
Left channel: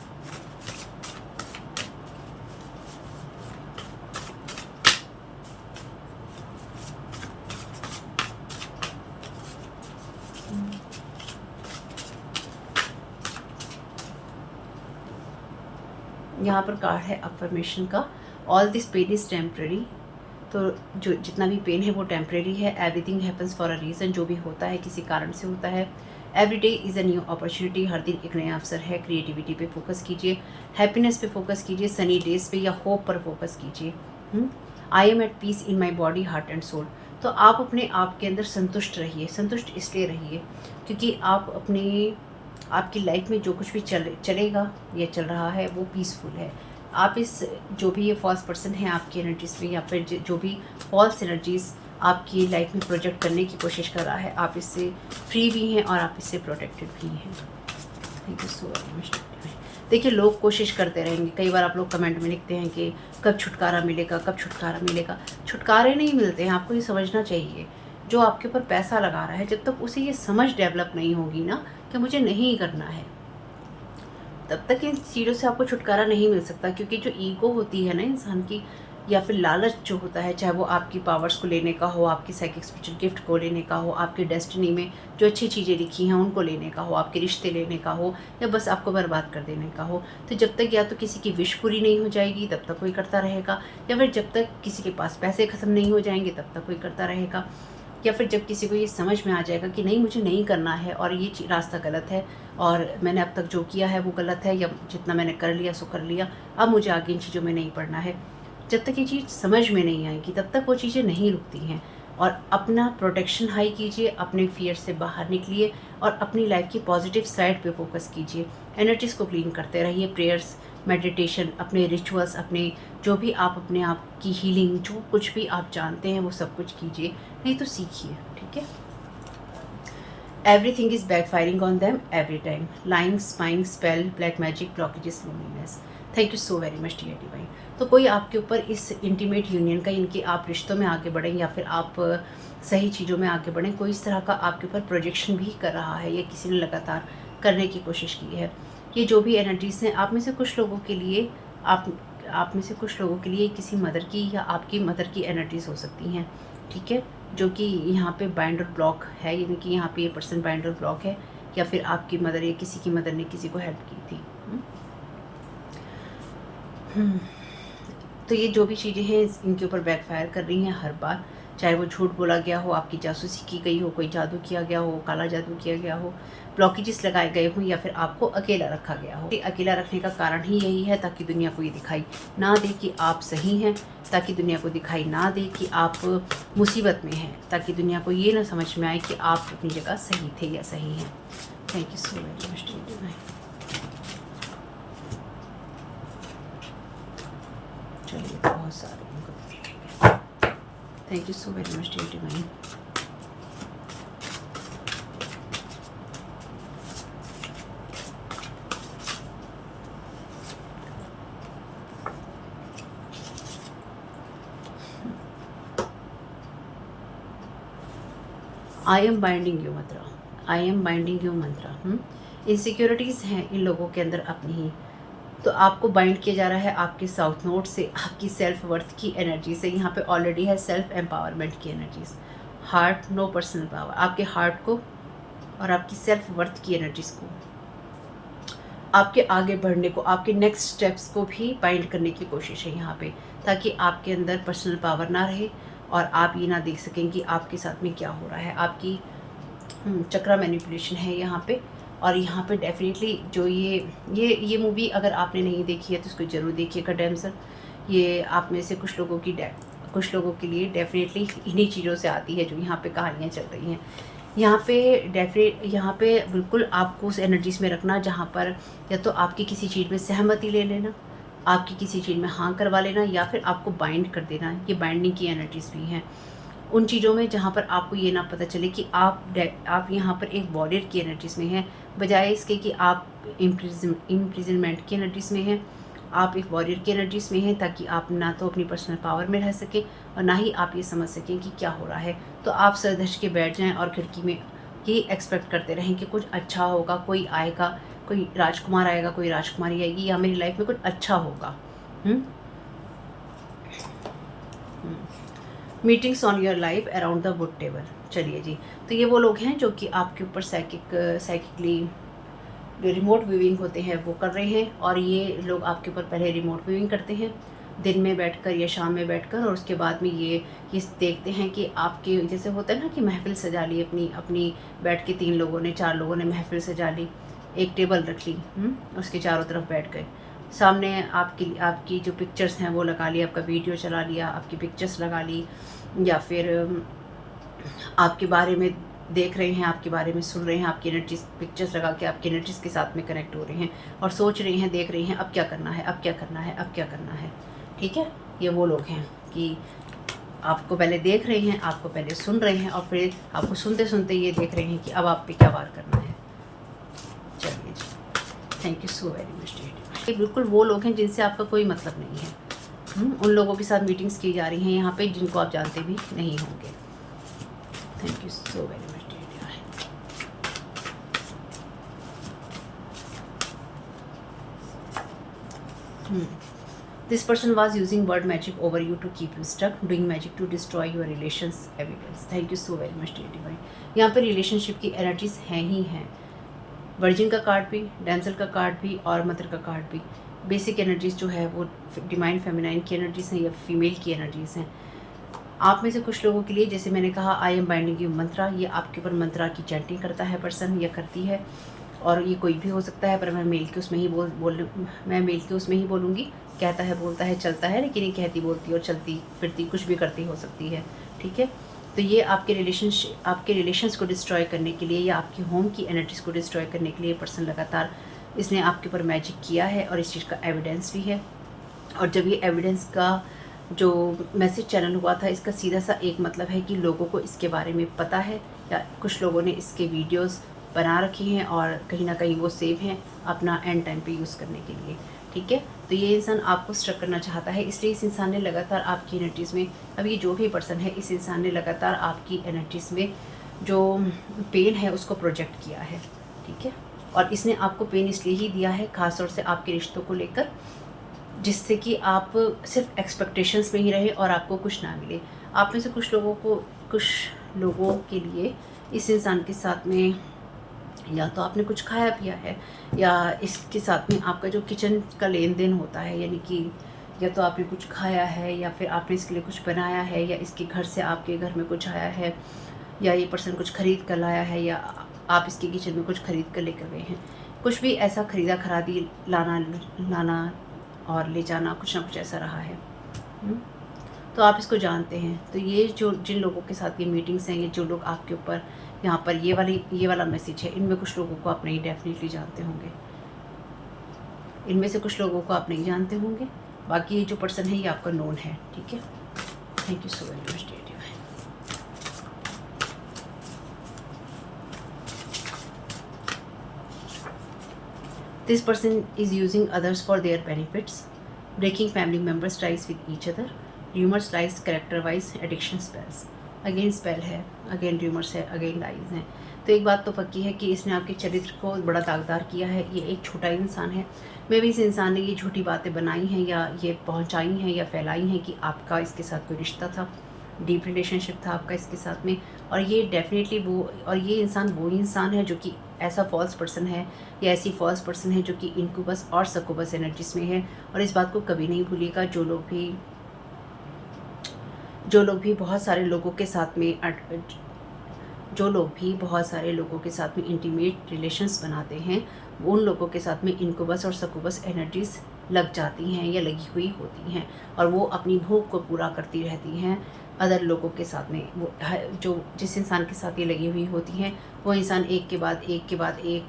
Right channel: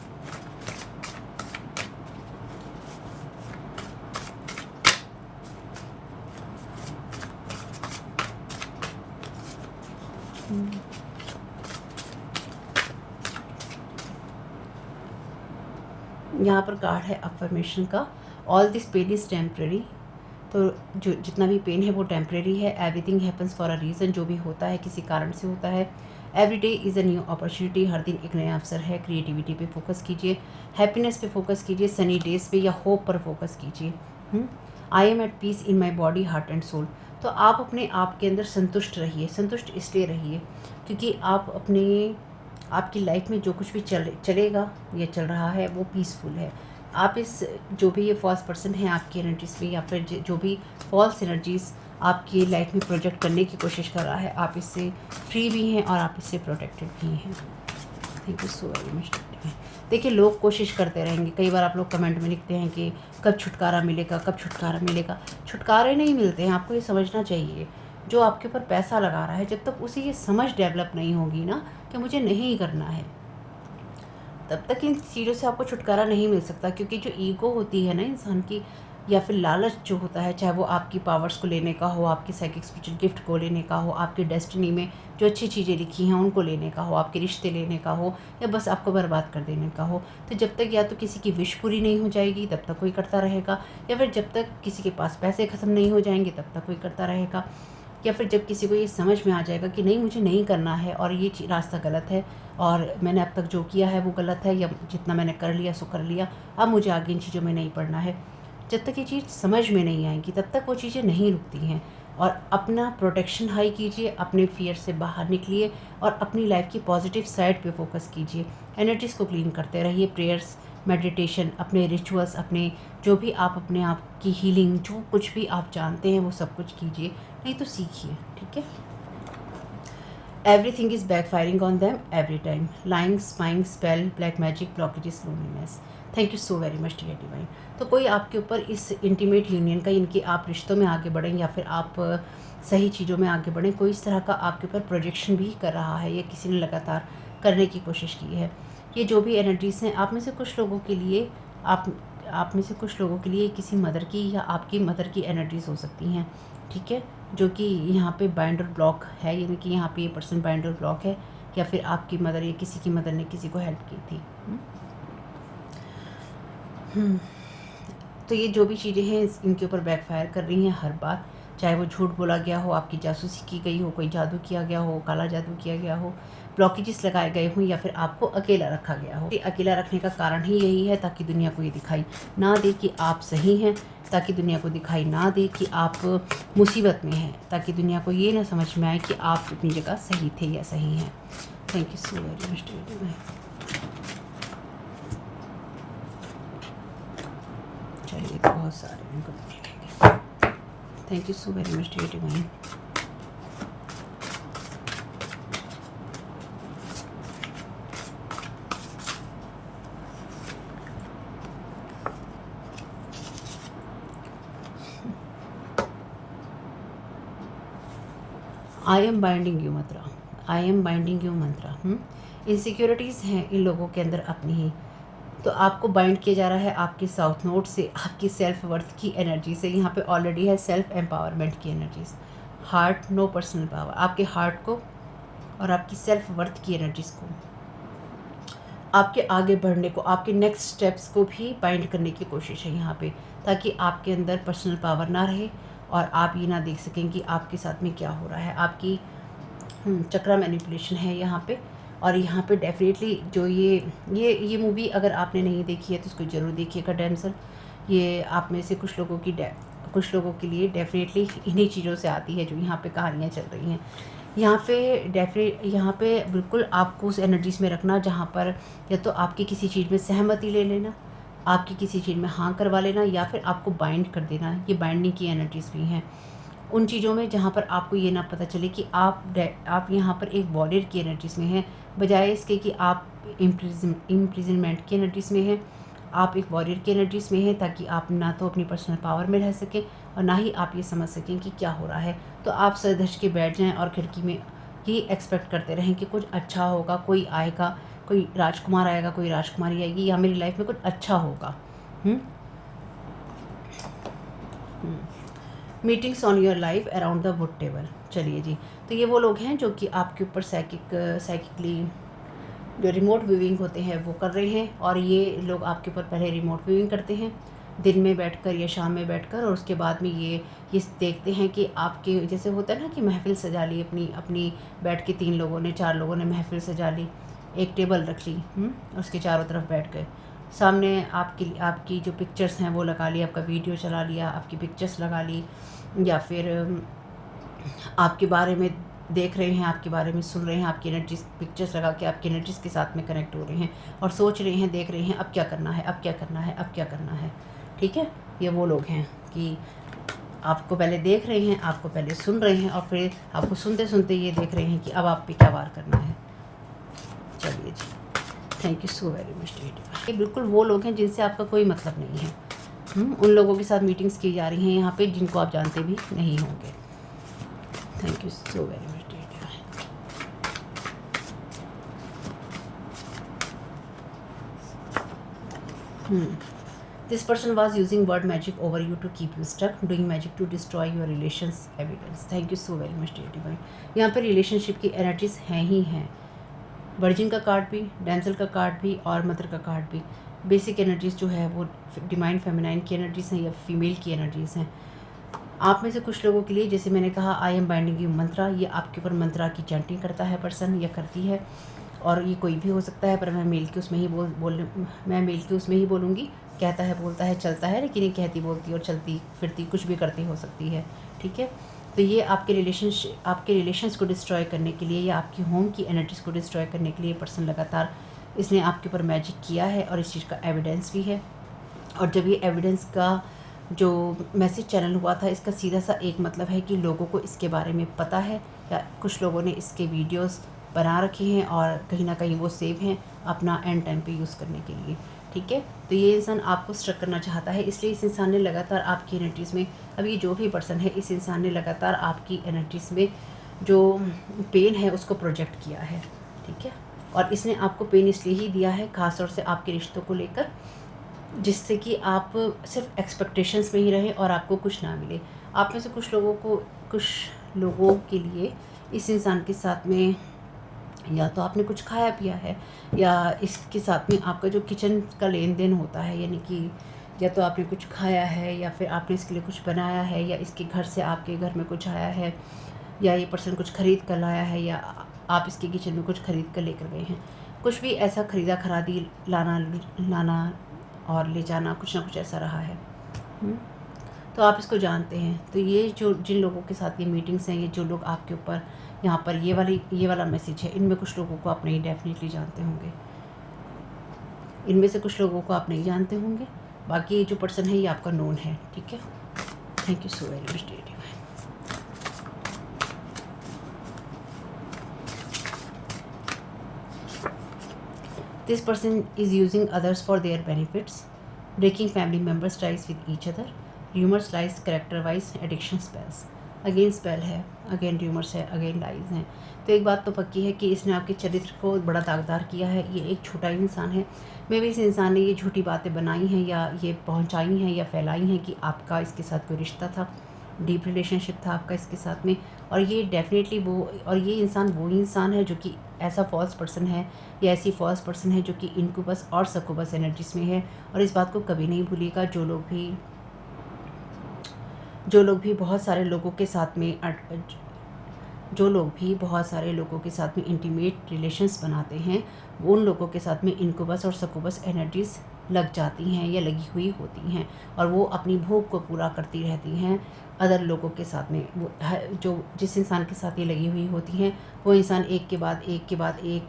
यहाँ पर कार्ड है अफर्मेशन का, all this pain is temporary. तो जो जितना भी पेन है वो टेम्प्रेरी है। Everything happens for a reason, जो भी होता है किसी कारण से होता है। Every day is a new opportunity, हर दिन एक नया अवसर है। क्रिएटिविटी पे फोकस कीजिए, हैप्पीनेस पे फोकस कीजिए, सनी डेज पे या होप पर फोकस कीजिए। I am at peace in my body, heart and soul. तो आप अपने आप के अंदर संतुष्ट रहिए। संतुष्ट इसलिए रहिए क्योंकि आप आपकी लाइफ में जो कुछ भी चलेगा या चल रहा है वो पीसफुल है। आप इस जो भी ये फॉल्स पर्सन है आपकी एनर्जीज में, या फिर जो भी फॉल्स एनर्जीज आपकी लाइफ में प्रोजेक्ट करने की कोशिश कर रहा है, आप इससे फ्री भी हैं और आप इससे प्रोटेक्टेड भी हैं। Thank you so very much. देखिए, लोग कोशिश करते रहेंगे। कई बार आप लोग कमेंट में लिखते हैं कि कब छुटकारा मिलेगा, कब छुटकारा मिलेगा। छुटकारे नहीं मिलते हैं, आपको ये समझना चाहिए। जो आपके ऊपर पैसा लगा रहा है, जब तक उसे ये समझ डेवलप नहीं होगी ना कि मुझे नहीं करना है, तब तक इन चीज़ों से आपको छुटकारा नहीं मिल सकता। क्योंकि जो ईगो होती है ना इंसान की, या फिर लालच जो होता है, चाहे वो आपकी पावर्स को लेने का हो, आपकी साइकिक स्पिरिचुअल गिफ्ट को लेने का हो, आपकी डेस्टिनी में जो अच्छी चीज़ें लिखी हैं उनको लेने का हो, आपके रिश्ते लेने का हो, या बस आपको बर्बाद कर देने का हो, तो जब तक या तो किसी की विश पूरी नहीं हो जाएगी तब तक कोई करता रहेगा, या फिर जब तक किसी के पास पैसे ख़त्म नहीं हो जाएंगे तब तक कोई करता रहेगा, या फिर जब किसी को ये समझ में आ जाएगा कि नहीं, मुझे नहीं करना है और ये रास्ता गलत है और मैंने अब तक जो किया है वो गलत है, या जितना मैंने कर लिया सो कर लिया, अब मुझे आगे इन चीज़ों में नहीं पढ़ना है। जब तक ये चीज़ समझ में नहीं आएगी तब तक वो चीज़ें नहीं रुकती हैं। और अपना प्रोटेक्शन हाई कीजिए, अपने फियर से बाहर निकलिए और अपनी लाइफ की पॉजिटिव साइड पे फोकस कीजिए। एनर्जीज़ को क्लीन करते रहिए, प्रेयर्स, मेडिटेशन, अपने रिचुअल्स, अपने जो भी आप अपने आप की हीलिंग, जो कुछ भी आप जानते हैं वो सब कुछ कीजिए। ये तो सीखिए, ठीक है। Everything is backfiring on them every time, lying, spying, spell, black magic, blockages, loneliness. Thank you so very much dear divine. तो कोई आपके ऊपर इस इंटीमेट यूनियन का, इनके आप रिश्तों में आगे बढ़ें या फिर आप सही चीज़ों में आगे बढ़ें, कोई इस तरह का आपके ऊपर प्रोजेक्शन भी कर रहा है या किसी ने लगातार करने की कोशिश की है। ये जो भी एनर्जीज हैं, आप में से कुछ लोगों के लिए आप में से कुछ लोगों के लिए किसी मदर की या आपकी मदर की एनर्जीज हो सकती हैं, ठीक है, जो कि यहाँ पे बाइंड और ब्लॉक है, यानी कि यहाँ पे ये पर्सन बाइंड और ब्लॉक है, या फिर आपकी मदर या किसी की मदर ने किसी को हेल्प की थी। तो ये जो भी चीज़ें हैं इनके ऊपर बैकफायर कर रही हैं हर बार, चाहे वो झूठ बोला गया हो, आपकी जासूसी की गई हो, कोई जादू किया गया हो, काला जादू किया गया हो, ब्लॉकेजेस लगाए गए हों, या फिर आपको अकेला रखा गया हो। अकेला रखने का कारण ही यही है ताकि दुनिया को ये दिखाई ना दे कि आप सही हैं, ताकि दुनिया को दिखाई ना दे कि आप मुसीबत में हैं, ताकि दुनिया को ये ना समझ में आए कि आप अपनी जगह सही थे या सही हैं। Thank you so very much. चलिए, तो बहुत सारे thank you so very much dear divine. I am binding you mantra, I am binding you mantra. Insecurities हैं इन लोगों के अंदर अपनी ही, तो आपको बाइंड किया जा रहा है आपके साउथ नोड से, आपकी सेल्फ वर्थ की एनर्जी से। यहाँ पे ऑलरेडी है सेल्फ एम्पावरमेंट की energies, heart, no personal power, आपके हार्ट को और आपकी सेल्फ वर्थ की एनर्जीज को, आपके आगे बढ़ने को, आपके नेक्स्ट स्टेप्स को भी बाइंड करने की कोशिश है यहाँ पे, ताकि आपके अंदर पर्सनल पावर ना रहे और आप ये ना देख सकें कि आपके साथ में क्या हो रहा है। आपकी चक्रा मैनिपुलेशन है यहाँ पे। और यहाँ पे डेफिनेटली जो ये मूवी अगर आपने नहीं देखी है तो इसको ज़रूर देखिएगा डैमसल। ये आप में से कुछ लोगों के लिए डेफिनेटली इन्हीं चीज़ों से आती है जो यहाँ पे कहानियाँ चल रही हैं। यहाँ पे बिल्कुल आपको उस एनर्जीज में रखना जहाँ पर या तो आपकी किसी चीज़ में सहमति ले लेना, आपकी किसी चीज़ में हाँ करवा लेना, या फिर आपको बाइंड कर देना। ये बाइंडिंग की एनर्जीज भी हैं उन चीज़ों में जहाँ पर आपको ये ना पता चले कि आप यहाँ पर एक वॉरियर की एनर्जीज में हैं, बजाय इसके कि आप इम्प्रिजनमेंट की एनर्जीज में हैं। आप एक वॉरियर की एनर्जीज में हैं ताकि आप ना तो अपनी पर्सनल पावर में रह सकें और ना ही आप ये समझ सकें कि क्या हो रहा है। तो आप सर धज के बैठ जाएं और खिड़की में ये एक्सपेक्ट करते रहें कि कुछ अच्छा होगा, कोई आएगा, कोई राजकुमार आएगा, कोई राजकुमारी आएगी, या मेरी लाइफ में कुछ अच्छा होगा। Meetings on your life around the wood table. चलिए जी, तो ये वो लोग हैं जो कि आपके ऊपर साइकिकली जो रिमोट व्यूइंग होते हैं वो कर रहे हैं, और ये लोग आपके ऊपर पहले रिमोट व्यूइंग करते हैं दिन में बैठकर या शाम में बैठकर, और उसके बाद में ये देखते हैं कि आपके जैसे होता है ना कि महफ़िल सजा ली अपनी अपनी, बैठ के 3 लोगों ने 4 लोगों ने महफ़िल सजा ली, एक टेबल रख ली, उसके चारों तरफ बैठ गए, सामने आपकी जो पिक्चर्स हैं वो लगा ली, आपका वीडियो चला लिया, आपकी पिक्चर्स लगा ली, या फिर आपके बारे में देख रहे हैं, आपके बारे में सुन रहे हैं, आपकी एनर्जीज पिक्चर्स लगा के आपकी एनर्जीज के साथ में कनेक्ट हो रहे हैं और सोच रहे हैं, देख रहे हैं अब क्या करना है, अब क्या करना है, अब क्या करना है। ठीक है, ये वो लोग हैं कि आपको पहले देख रहे हैं, आपको पहले सुन रहे हैं, और फिर आपको सुनते सुनते ये देख रहे हैं कि अब आप पे क्या वार करना है। चलिए जी, thank you so very much. ये बिल्कुल वो लोग हैं जिनसे आपका कोई मतलब नहीं है। उन लोगों के साथ मीटिंग्स की जा रही हैं यहाँ पे जिनको आप जानते भी नहीं होंगे। Thank you so very much. This person was using word magic over you to keep you stuck, doing magic to destroy your relations evidence. Thank you so very much, dear divine. यहाँ पे relationship की energies हैं ही हैं। Virgin का card भी, डैंसल का card भी और मदर का कार्ड भी। बेसिक एनर्जीज जो है वो डिवाइन फेमिनाइन की एनर्जीज हैं या फीमेल की एनर्जीज हैं। आप में से कुछ लोगों के लिए, जैसे मैंने कहा, आई एम बाइंडिंग यू मंत्रा, ये आपके ऊपर मंत्रा की चैंटिंग करता है पर्सन या करती है, और ये कोई भी हो सकता है, पर मैं मेल के उसमें ही मैं मेल के उसमें ही बोलूँगी। कहता है, बोलता है, चलता है, लेकिन ये कहती बोलती और चलती फिरती कुछ भी करती हो सकती है। ठीक है, तो ये आपके रिलेशंस को डिस्ट्रॉय करने के लिए या आपकी होम की एनर्जीज को डिस्ट्रॉय करने के लिए पर्सन लगातार इसने आपके ऊपर मैजिक किया है, और इस चीज़ का एविडेंस भी है। और जब ये एविडेंस का जो मैसेज चैनल हुआ था, इसका सीधा सा एक मतलब है कि लोगों को इसके बारे में पता है, या कुछ लोगों ने इसके वीडियोस बना रखे हैं और कहीं ना कहीं वो सेव हैं अपना एंड टाइम पे यूज़ करने के लिए। ठीक है, तो ये इंसान आपको स्ट्रक करना चाहता है, इसलिए इस इंसान ने लगातार आपकी एनर्जीज़ में, अब ये जो भी पर्सन है, इस इंसान ने लगातार आपकी एनर्जीज़ में जो पेन है उसको प्रोजेक्ट किया है। ठीक है, और इसने आपको पेन इसलिए ही दिया है, ख़ासतौर से आपके रिश्तों को लेकर, जिससे कि आप सिर्फ एक्सपेक्टेशंस में ही रहे और आपको कुछ ना मिले। आप में से कुछ लोगों के लिए इस इंसान के साथ में या तो आपने कुछ खाया पिया है, या इसके साथ में आपका जो किचन का लेन देन होता है, यानी कि या तो आपने कुछ खाया है, या फिर आपने इसके लिए कुछ बनाया है, या इसके घर से आपके घर में कुछ आया है, या ये पर्सन कुछ ख़रीद कर लाया है, या आप इसके किचन में कुछ ख़रीद कर लेकर गए हैं। कुछ भी ऐसा खरीदा खरादी, लाना और ले जाना, कुछ ना कुछ ऐसा रहा है। तो आप इसको जानते हैं। तो ये जो जिन लोगों के साथ ये मीटिंग्स हैं, ये जो लोग आपके ऊपर यहाँ पर ये वाला मैसेज है, इनमें कुछ लोगों को आप नहीं डेफिनेटली जानते होंगे, इनमें से कुछ लोगों को आप नहीं जानते होंगे, बाकी ये जो पर्सन है ये आपका नोन है। ठीक है, thank you so very much dear divine. This person is using others for their benefits, breaking family members' ties with each other, rumors, lies, character-wise, addiction spells. Again spell है, again rumours है, again lies हैं। तो एक बात तो पक्की है कि इसने आपके चरित्र को बड़ा दागदार किया है। ये एक छोटा इंसान है, मे भी इस इंसान ने ये झूठी बातें बनाई हैं, या ये पहुंचाई हैं, या फैलाई हैं कि आपका इसके साथ कोई रिश्ता था, डीप रिलेशनशिप था आपका इसके साथ में। और ये डेफिनेटली ये इंसान वो इंसान है जो कि ऐसा फॉल्स पर्सन है, या ऐसी फॉल्स पर्सन है जो कि इनक्यूबस और सक्यूबस एनर्जीज में है। और इस बात को कभी नहीं भूलिएगा, जो लोग भी बहुत सारे लोगों के साथ में इंटीमेट रिलेशंस बनाते हैं, उन लोगों के साथ में इनक्यूबस और सक्यूबस एनर्जीज लग जाती हैं या लगी हुई होती हैं, और वो अपनी भूख को पूरा करती रहती हैं अदर लोगों के साथ में। वो जो जिस इंसान के साथ ये लगी हुई होती हैं, वो इंसान एक के बाद एक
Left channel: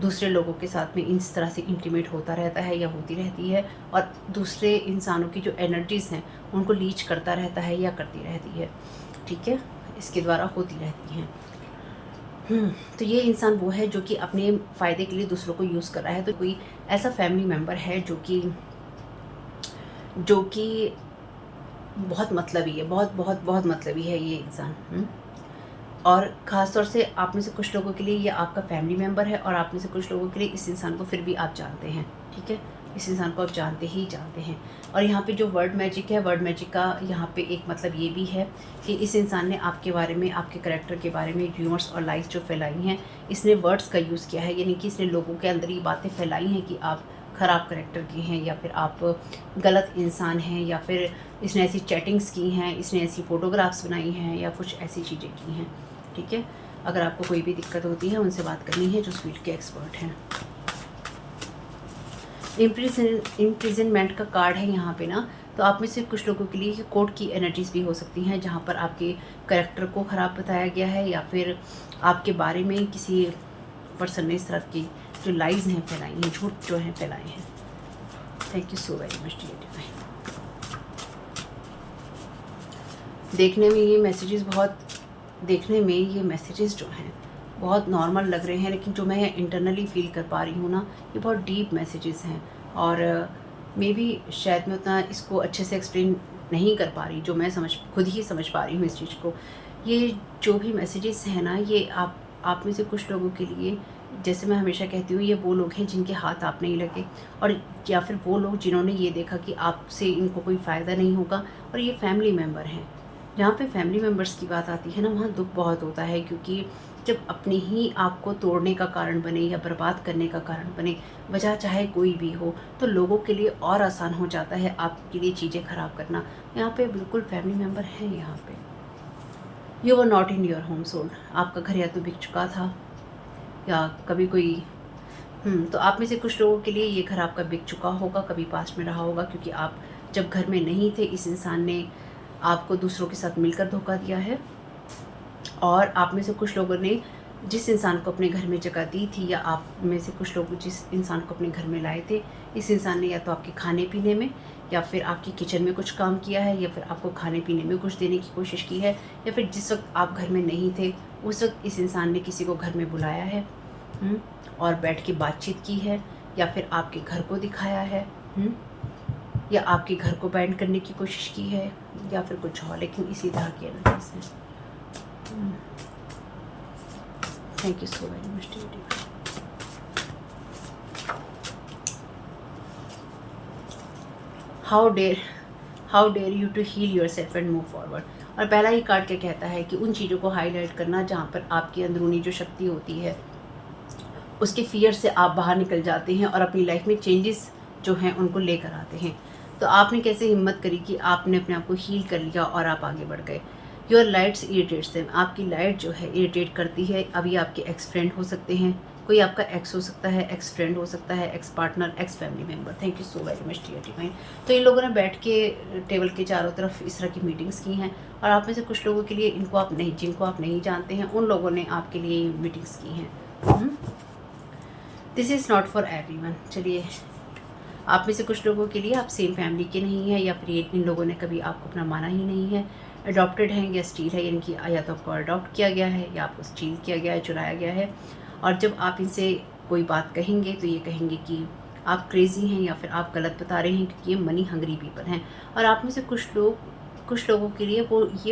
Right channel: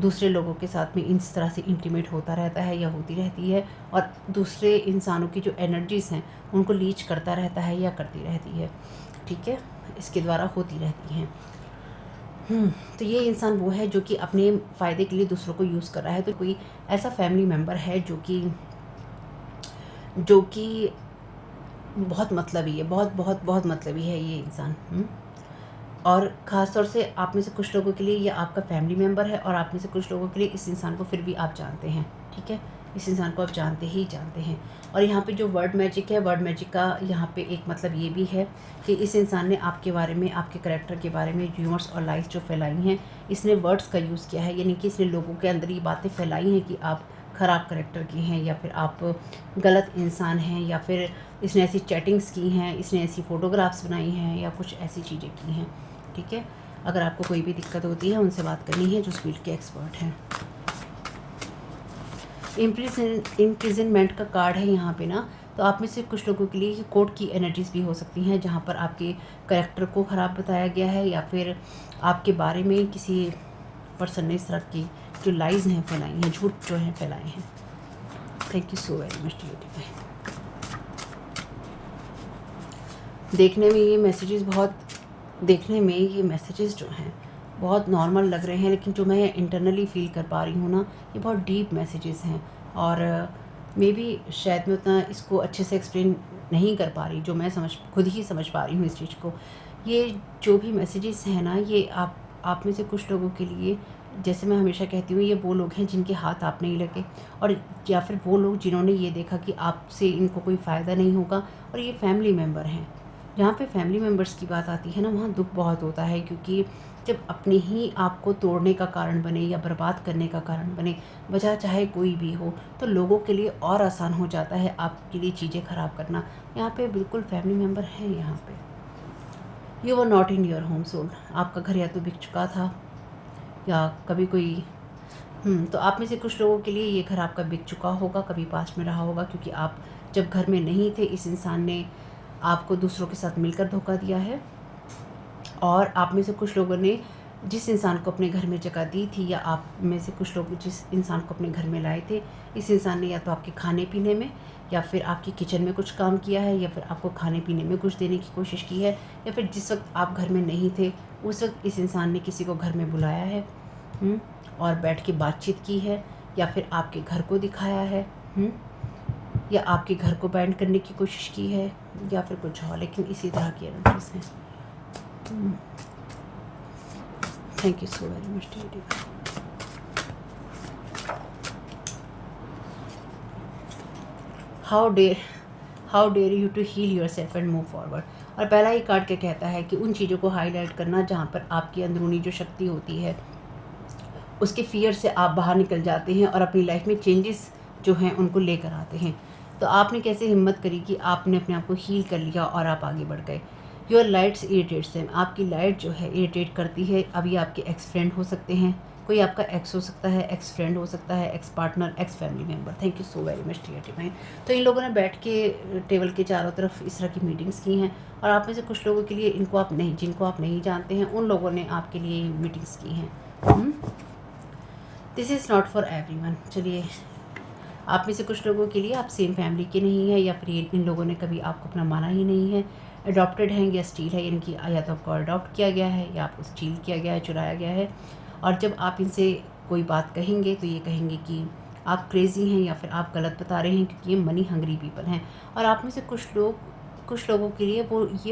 दूसरे लोगों के साथ में इस तरह से इंटीमेट होता रहता है या होती रहती है, और दूसरे इंसानों की जो एनर्जीज़ हैं उनको लीच करता रहता है या करती रहती है। ठीक है, इसके द्वारा होती रहती हैं। तो ये इंसान वो है जो कि अपने फ़ायदे के लिए दूसरों को यूज़ कर रहा है। तो कोई ऐसा फैमिली मेम्बर है जो कि बहुत मतलबी है, बहुत मतलबी है ये इंसान। और ख़ास तौर से आप में से कुछ लोगों के लिए ये आपका फैमिली मेम्बर है, और आप में से कुछ लोगों के लिए इस इंसान को फिर भी आप जानते हैं। ठीक है, इस इंसान को आप जानते ही जानते हैं। और यहाँ पे जो वर्ड मैजिक है, वर्ड मैजिक का यहाँ पे एक मतलब ये भी है कि इस इंसान ने आपके बारे में, आपके करैक्टर के बारे में र्यूमर्स और लाइज जो फैलाई हैं, इसने वर्ड्स का यूज़ किया है, यानी कि इसने लोगों के अंदर ये बातें फैलाई हैं कि आप ख़राब करैक्टर के हैं, या फिर आप गलत इंसान हैं, या फिर इसने ऐसी चैटिंग्स की हैं, इसने ऐसी फ़ोटोग्राफ्स बनाई हैं, या कुछ ऐसी चीज़ें की हैं। ठीक है, अगर आपको कोई भी दिक्कत होती है उनसे बात करनी है जो इस फील्ड के एक्सपर्ट हैं। इम्प्रिजनमेंट का कार्ड है यहाँ पे ना, तो आप में से कुछ लोगों के लिए कोर्ट की एनर्जीज भी हो सकती हैं, जहाँ पर आपके करैक्टर को ख़राब बताया गया है, या फिर आपके बारे में किसी पर्सन ने इस तरह की जो लाइज हैं फैलाई हैं, झूठ जो हैं फैलाए हैं। Thank you so very much dear divine. देखने में ये मैसेजेस जो हैं बहुत नॉर्मल लग रहे हैं, लेकिन जो मैं इंटरनली फील कर पा रही हूँ ना, ये बहुत डीप मैसेजेस हैं। और मे बी शायद मैं उतना इसको अच्छे से एक्सप्लेन नहीं कर पा रही, जो मैं खुद ही समझ पा रही हूँ इस चीज़ को। ये जो भी मैसेजेस हैं ना, ये आप में से कुछ लोगों के लिए, जैसे मैं हमेशा कहती हूँ, ये वो लोग हैं जिनके हाथ आप नहीं लगे, और या फिर वो लोग जिन्होंने ये देखा कि आपसे इनको कोई फ़ायदा नहीं होगा, और ये फैमिली मेम्बर हैं। जहाँ पे फैमिली मेम्बर्स की बात आती है ना, वहाँ दुख बहुत होता है, क्योंकि जब अपने ही आपको तोड़ने का कारण बने या बर्बाद करने का कारण बने, वजह चाहे कोई भी हो, तो लोगों के लिए और आसान हो जाता है आपके लिए चीज़ें ख़राब करना। यहाँ पे बिल्कुल फैमिली मेम्बर हैं। यहाँ पे you were not in your home soul, आपका घर या तो बिक चुका था, या कभी कोई तो आप में से कुछ लोगों के लिए ये घर आपका बिक चुका होगा, कभी पास्ट में रहा होगा, क्योंकि आप जब घर में नहीं थे, इस इंसान ने आपको दूसरों के साथ मिलकर धोखा दिया है। और आप में से कुछ लोगों ने जिस इंसान को अपने घर में जगह दी थी, या आप में से कुछ लोग जिस इंसान को अपने घर में लाए थे, इस इंसान ने या तो आपके खाने पीने में, या फिर आपकी किचन में कुछ काम किया है, या फिर आपको खाने पीने में कुछ देने की कोशिश की है, या फिर जिस वक्त आप घर में नहीं थे उस वक्त इस इंसान ने किसी को घर में बुलाया है और बैठ के बातचीत की है, या फिर आपके घर को दिखाया है, या आपके घर को बैंड करने की कोशिश की है, या फिर कुछ और, लेकिन इसी तरह की एनर्जीज है। Thank you so very much, dear divine. How dare you to heal yourself and move forward. और पहला ही कार्ड क्या कहता है कि उन चीज़ों को हाईलाइट करना जहाँ पर आपकी अंदरूनी जो शक्ति होती है, उसके फियर से आप बाहर निकल जाते हैं और अपनी लाइफ में चेंजेस जो हैं उनको लेकर आते हैं। तो आपने कैसे हिम्मत करी कि आपने अपने आप को हील कर लिया और आप आगे बढ़ गए। योर लाइट्स इरिटेट्स देम, आपकी लाइट जो है इरिटेट करती है। अभी आपके एक्स फ्रेंड हो सकते हैं, कोई आपका एक्स हो सकता है, एक्स फ्रेंड हो सकता है, ex partner, ex family member. Thank you so very much dear divine. तो इन लोगों ने बैठ के टेबल के चारों तरफ इस तरह की मीटिंग्स की हैं, और आप में से कुछ लोगों के लिए जिनको आप नहीं जानते हैं, उन लोगों ने आपके लिए मीटिंग्स की हैं। This is not for everyone. चलिए, आप में से कुछ लोगों के लिए आप सेम फैमिली के नहीं हैं, या फिर इन लोगों ने कभी आपको अपना माना ही नहीं है, अडॉप्टेड हैं या स्टील है, यानी कि या तो आपको अडॉप्ट किया गया है या आपको स्टील किया गया है, चुराया गया है। और जब आप इनसे कोई बात कहेंगे तो ये कहेंगे कि आप क्रेज़ी हैं, या फिर आप गलत बता रहे हैं, क्योंकि ये मनी हंग्री पीपल हैं। और आप में से कुछ लोगों के लिए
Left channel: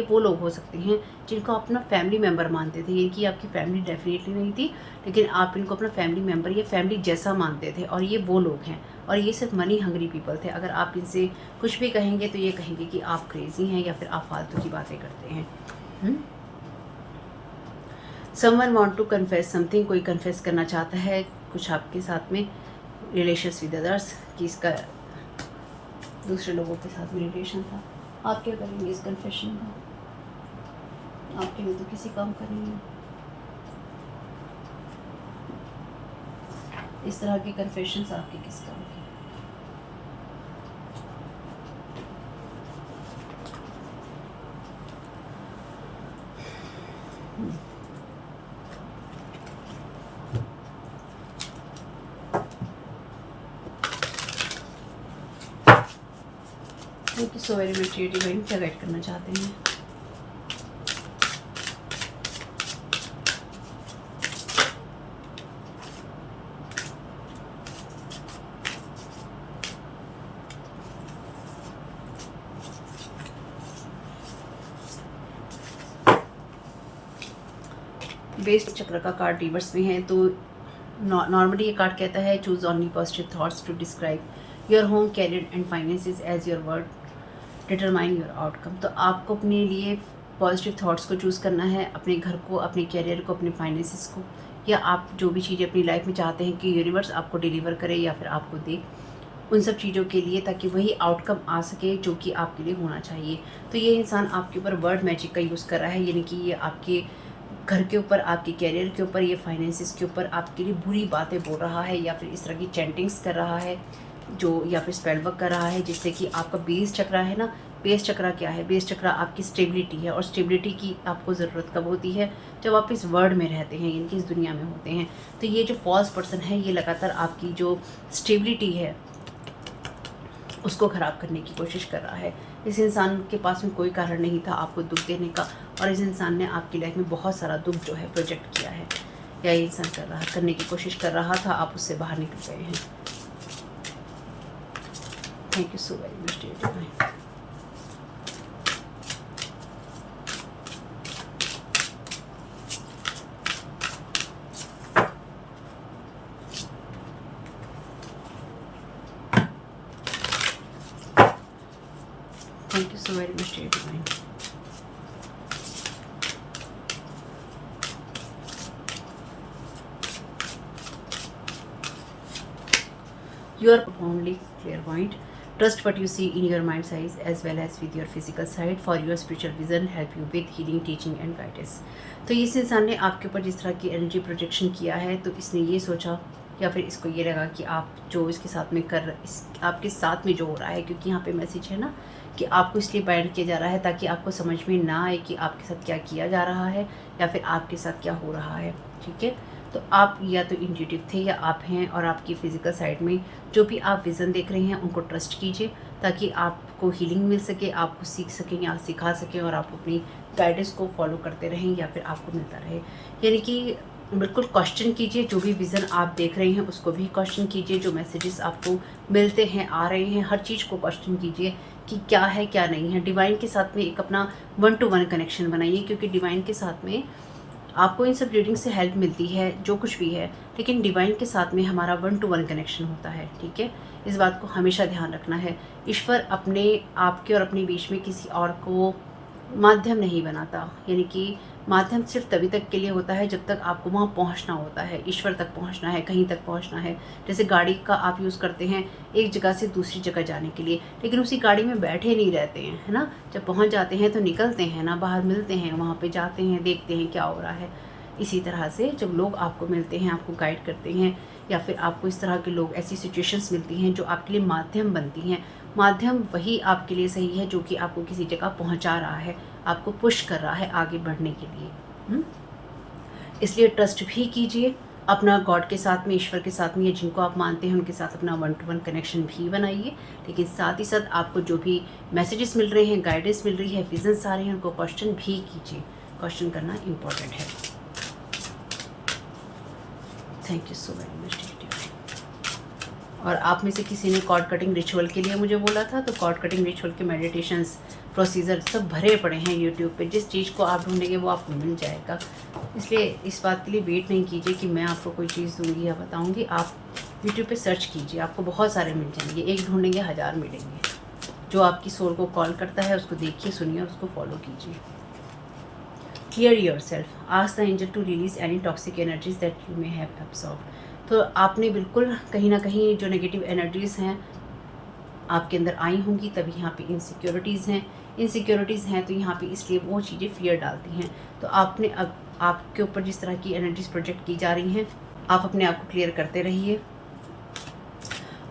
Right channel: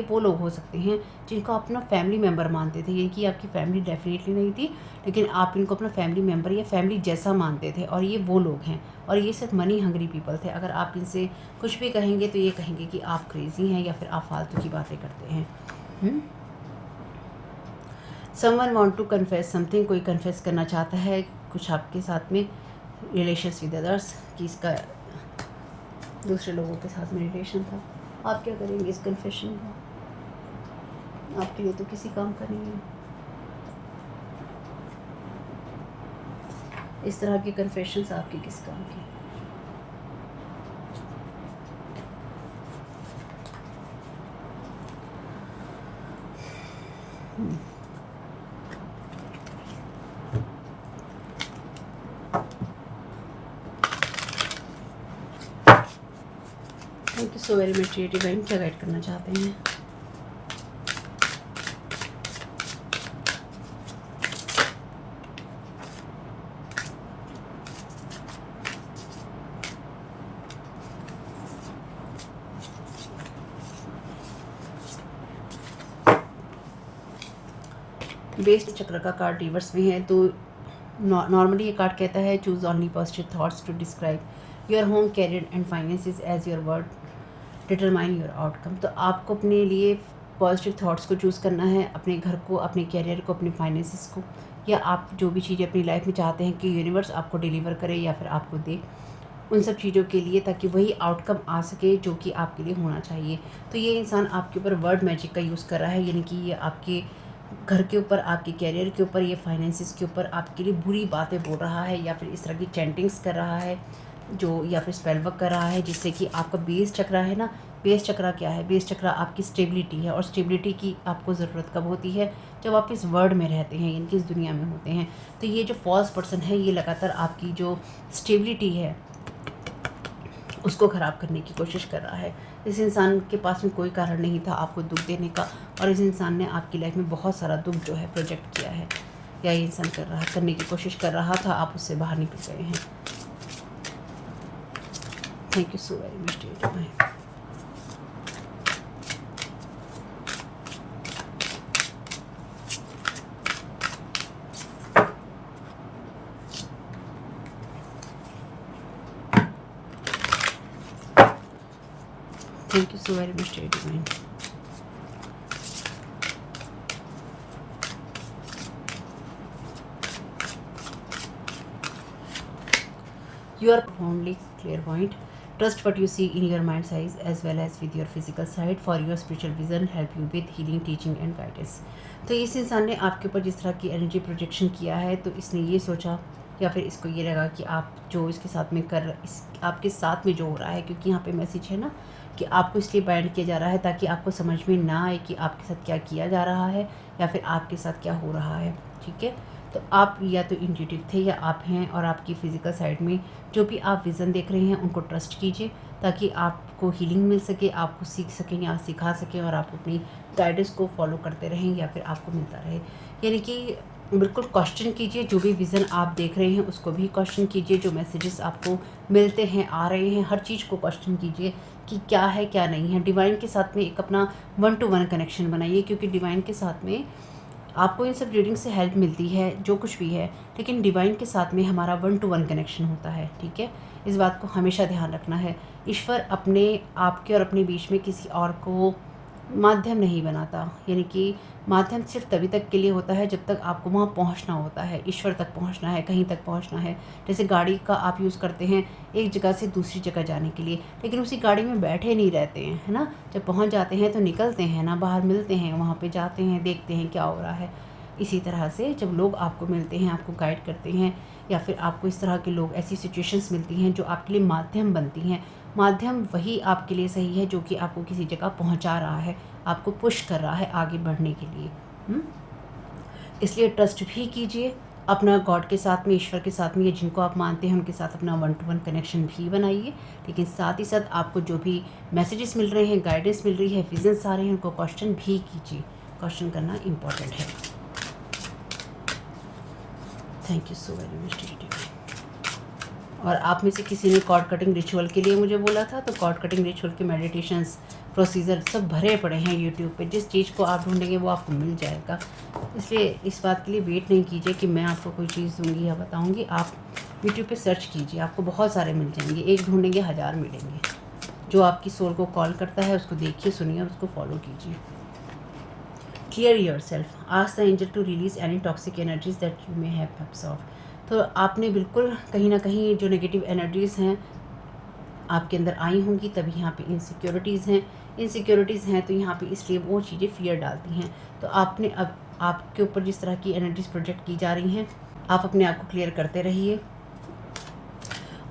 वो लोग हो सकते हैं जिनको अपना फैमिली मेम्बर मानते थे, यानी कि आपकी फैमिली डेफिनेटली नहीं थी, लेकिन आप इनको अपना फैमिली मेम्बर या फैमिली जैसा मानते थे, और ये वो लोग हैं, और ये सिर्फ मनी हंग्री पीपल थे। अगर आप इनसे कुछ भी कहेंगे तो ये कहेंगे कि आप क्रेज़ी हैं, या फिर आप फालतू की बातें करते हैं। Someone want to confess something, कोई कन्फेस करना चाहता है कुछ आपके साथ में, रिलेशंस विद अदर्स, कि इसका दूसरे लोगों के साथ में रिलेशन था। आप क्या करेंगे इस कन्फेशन का? आपके लिए तो किसी काम का नहीं है। इस तरह के कन्फेशंस आपके किस काम के? Thank you so very much divine. क्या गाइड करना चाहते हैं? बेस्ट चक्र का कार्ड रिवर्स में है, तो नॉर्मली ये कार्ड कहता है choose only positive thoughts to describe your home, career and finances as your word determine your outcome. तो आपको अपने लिए पॉजिटिव थॉट्स को चूज़ करना है, अपने घर को, अपने कैरियर को, अपने फाइनेंसिस को, या आप जो भी चीज़ें अपनी लाइफ में चाहते हैं कि यूनिवर्स आपको डिलीवर करे या फिर आपको दे, उन सब चीज़ों के लिए, ताकि वही आउटकम आ सके जो कि आपके लिए होना चाहिए। तो ये इंसान आपके ऊपर वर्ड मैजिक का यूज़ कर रहा है, यानी कि ये आपके घर के ऊपर, आपके कैरियर के ऊपर, ये फाइनेंसिस के ऊपर आपके लिए बुरी बातें बोल रहा है, या फिर इस तरह की चैंटिंग्स कर रहा है जो, या फिर स्पेल वर्क कर रहा है, जिससे कि आपका बेस चक्रा है ना, बेस चक्रा क्या है? बेस चक्रा आपकी स्टेबिलिटी है, और स्टेबिलिटी की आपको ज़रूरत कब होती है? जब आप इस वर्ल्ड में रहते हैं, यानी कि इस दुनिया में होते हैं। तो ये जो फॉल्स पर्सन है, ये लगातार आपकी जो स्टेबिलिटी है उसको ख़राब करने की कोशिश कर रहा है। इस इंसान के पास में कोई कारण नहीं था आपको दुख देने का, और इस इंसान ने आपकी लाइफ में बहुत सारा दुख जो है प्रोजेक्ट किया है, या ये इंसान करने की कोशिश कर रहा था, आप उससे बाहर निकल गए हैं। Thank you so very much dear divine. Thank you so very much, dear divine. You are profoundly clairvoyant. Trust what you see in your mind's eyes as well as with your physical side, for your spiritual vision help you with healing, teaching and guidance. तो इस इंसान ने आपके ऊपर जिस तरह की energy projection किया है, तो इसने ये सोचा, या फिर इसको ये लगा कि आप जो इसके साथ में आपके साथ में जो हो रहा है, क्योंकि यहाँ पे मैसेज है ना कि आपको इसलिए बाइंड किया जा रहा है ताकि आपको समझ में ना आए कि आपके साथ क्या किया जा रहा है, या फिर आपके साथ क्या हो रहा है। ठीक है, तो आप या तो इंट्यूटिव थे या आप हैं, और आपकी फ़िज़िकल साइड में जो भी आप विज़न देख रहे हैं उनको ट्रस्ट कीजिए, ताकि आपको हीलिंग मिल सके, आपको सीख सकें या सिखा सकें, और आप अपनी गाइडेंस को फॉलो करते रहें या फिर आपको मिलता रहे। यानी कि बिल्कुल क्वेश्चन कीजिए, जो भी विज़न आप देख रहे हैं उसको भी क्वेश्चन कीजिए, जो मैसेजेस आपको मिलते हैं, आ रहे हैं, हर चीज़ को क्वेश्चन कीजिए कि क्या है क्या नहीं है। डिवाइन के साथ में एक अपना 1 to 1 कनेक्शन बनाइए, क्योंकि डिवाइन के साथ में आपको इन सब रीडिंग से हेल्प मिलती है, जो कुछ भी है, लेकिन डिवाइन के साथ में हमारा 1 to 1 कनेक्शन होता है। ठीक है, इस बात को हमेशा ध्यान रखना है। ईश्वर अपने आपके और अपने बीच में किसी और को माध्यम नहीं बनाता, यानी कि माध्यम सिर्फ तभी तक के लिए होता है जब तक आपको वहाँ पहुँचना होता है, ईश्वर तक पहुँचना है, कहीं तक पहुँचना है। जैसे गाड़ी का आप यूज़ करते हैं एक जगह से दूसरी जगह जाने के लिए, लेकिन उसी गाड़ी में बैठे नहीं रहते हैं, है ना। जब पहुँच जाते हैं तो निकलते हैं ना, बाहर मिलते हैं, वहाँ पे जाते हैं, देखते हैं क्या हो रहा है। इसी तरह से जब लोग आपको मिलते हैं, आपको गाइड करते हैं, या फिर आपको इस तरह के लोग, ऐसी सिचुएशंस मिलती हैं जो आपके लिए माध्यम बनती हैं। माध्यम वही आपके लिए सही है जो कि आपको किसी जगह पहुंचा रहा है, आपको पुश कर रहा है आगे बढ़ने के लिए। इसलिए ट्रस्ट भी कीजिए अपना गॉड के साथ में, ईश्वर के साथ में, या जिनको आप मानते हैं उनके साथ अपना 1 to 1 कनेक्शन भी बनाइए। लेकिन साथ ही साथ आपको जो भी मैसेजेस मिल रहे हैं, गाइडेंस मिल रही है, विजन्स आ रहे हैं, उनको क्वेश्चन भी कीजिए। क्वेश्चन करना इम्पोर्टेंट है। Thank you so very much. और आप में से किसी ने कॉर्ड कटिंग रिचुअल के लिए मुझे बोला था, तो कॉर्ड कटिंग रिचुअल के मेडिटेशंस, प्रोसीजर सब भरे पड़े हैं यूट्यूब पे। जिस चीज़ को आप ढूंढेंगे वो आपको मिल जाएगा। इसलिए इस बात के लिए वेट नहीं कीजिए कि मैं आपको कोई चीज़ दूंगी या बताऊंगी। आप यूट्यूब पे सर्च कीजिए, आपको बहुत सारे मिल जाएंगे। एक ढूंढेंगे 1000 मिलेंगे। जो आपकी सोल को कॉल करता है उसको देखिए, सुनिए और उसको फॉलो कीजिए। Clear your self, ask the angel to release any toxic energies that you may have absorb. तो आपने बिल्कुल कहीं ना कहीं जो नेगेटिव एनर्जीज़ हैं आपके अंदर आई होंगी, तभी यहाँ पे इनसिक्योरिटीज़ हैं। तो यहाँ पे इसलिए वो चीज़ें फियर डालती हैं। तो आपने अब आपके ऊपर जिस तरह की एनर्जीज प्रोजेक्ट की जा रही हैं, आप अपने आप को क्लियर करते रहिए,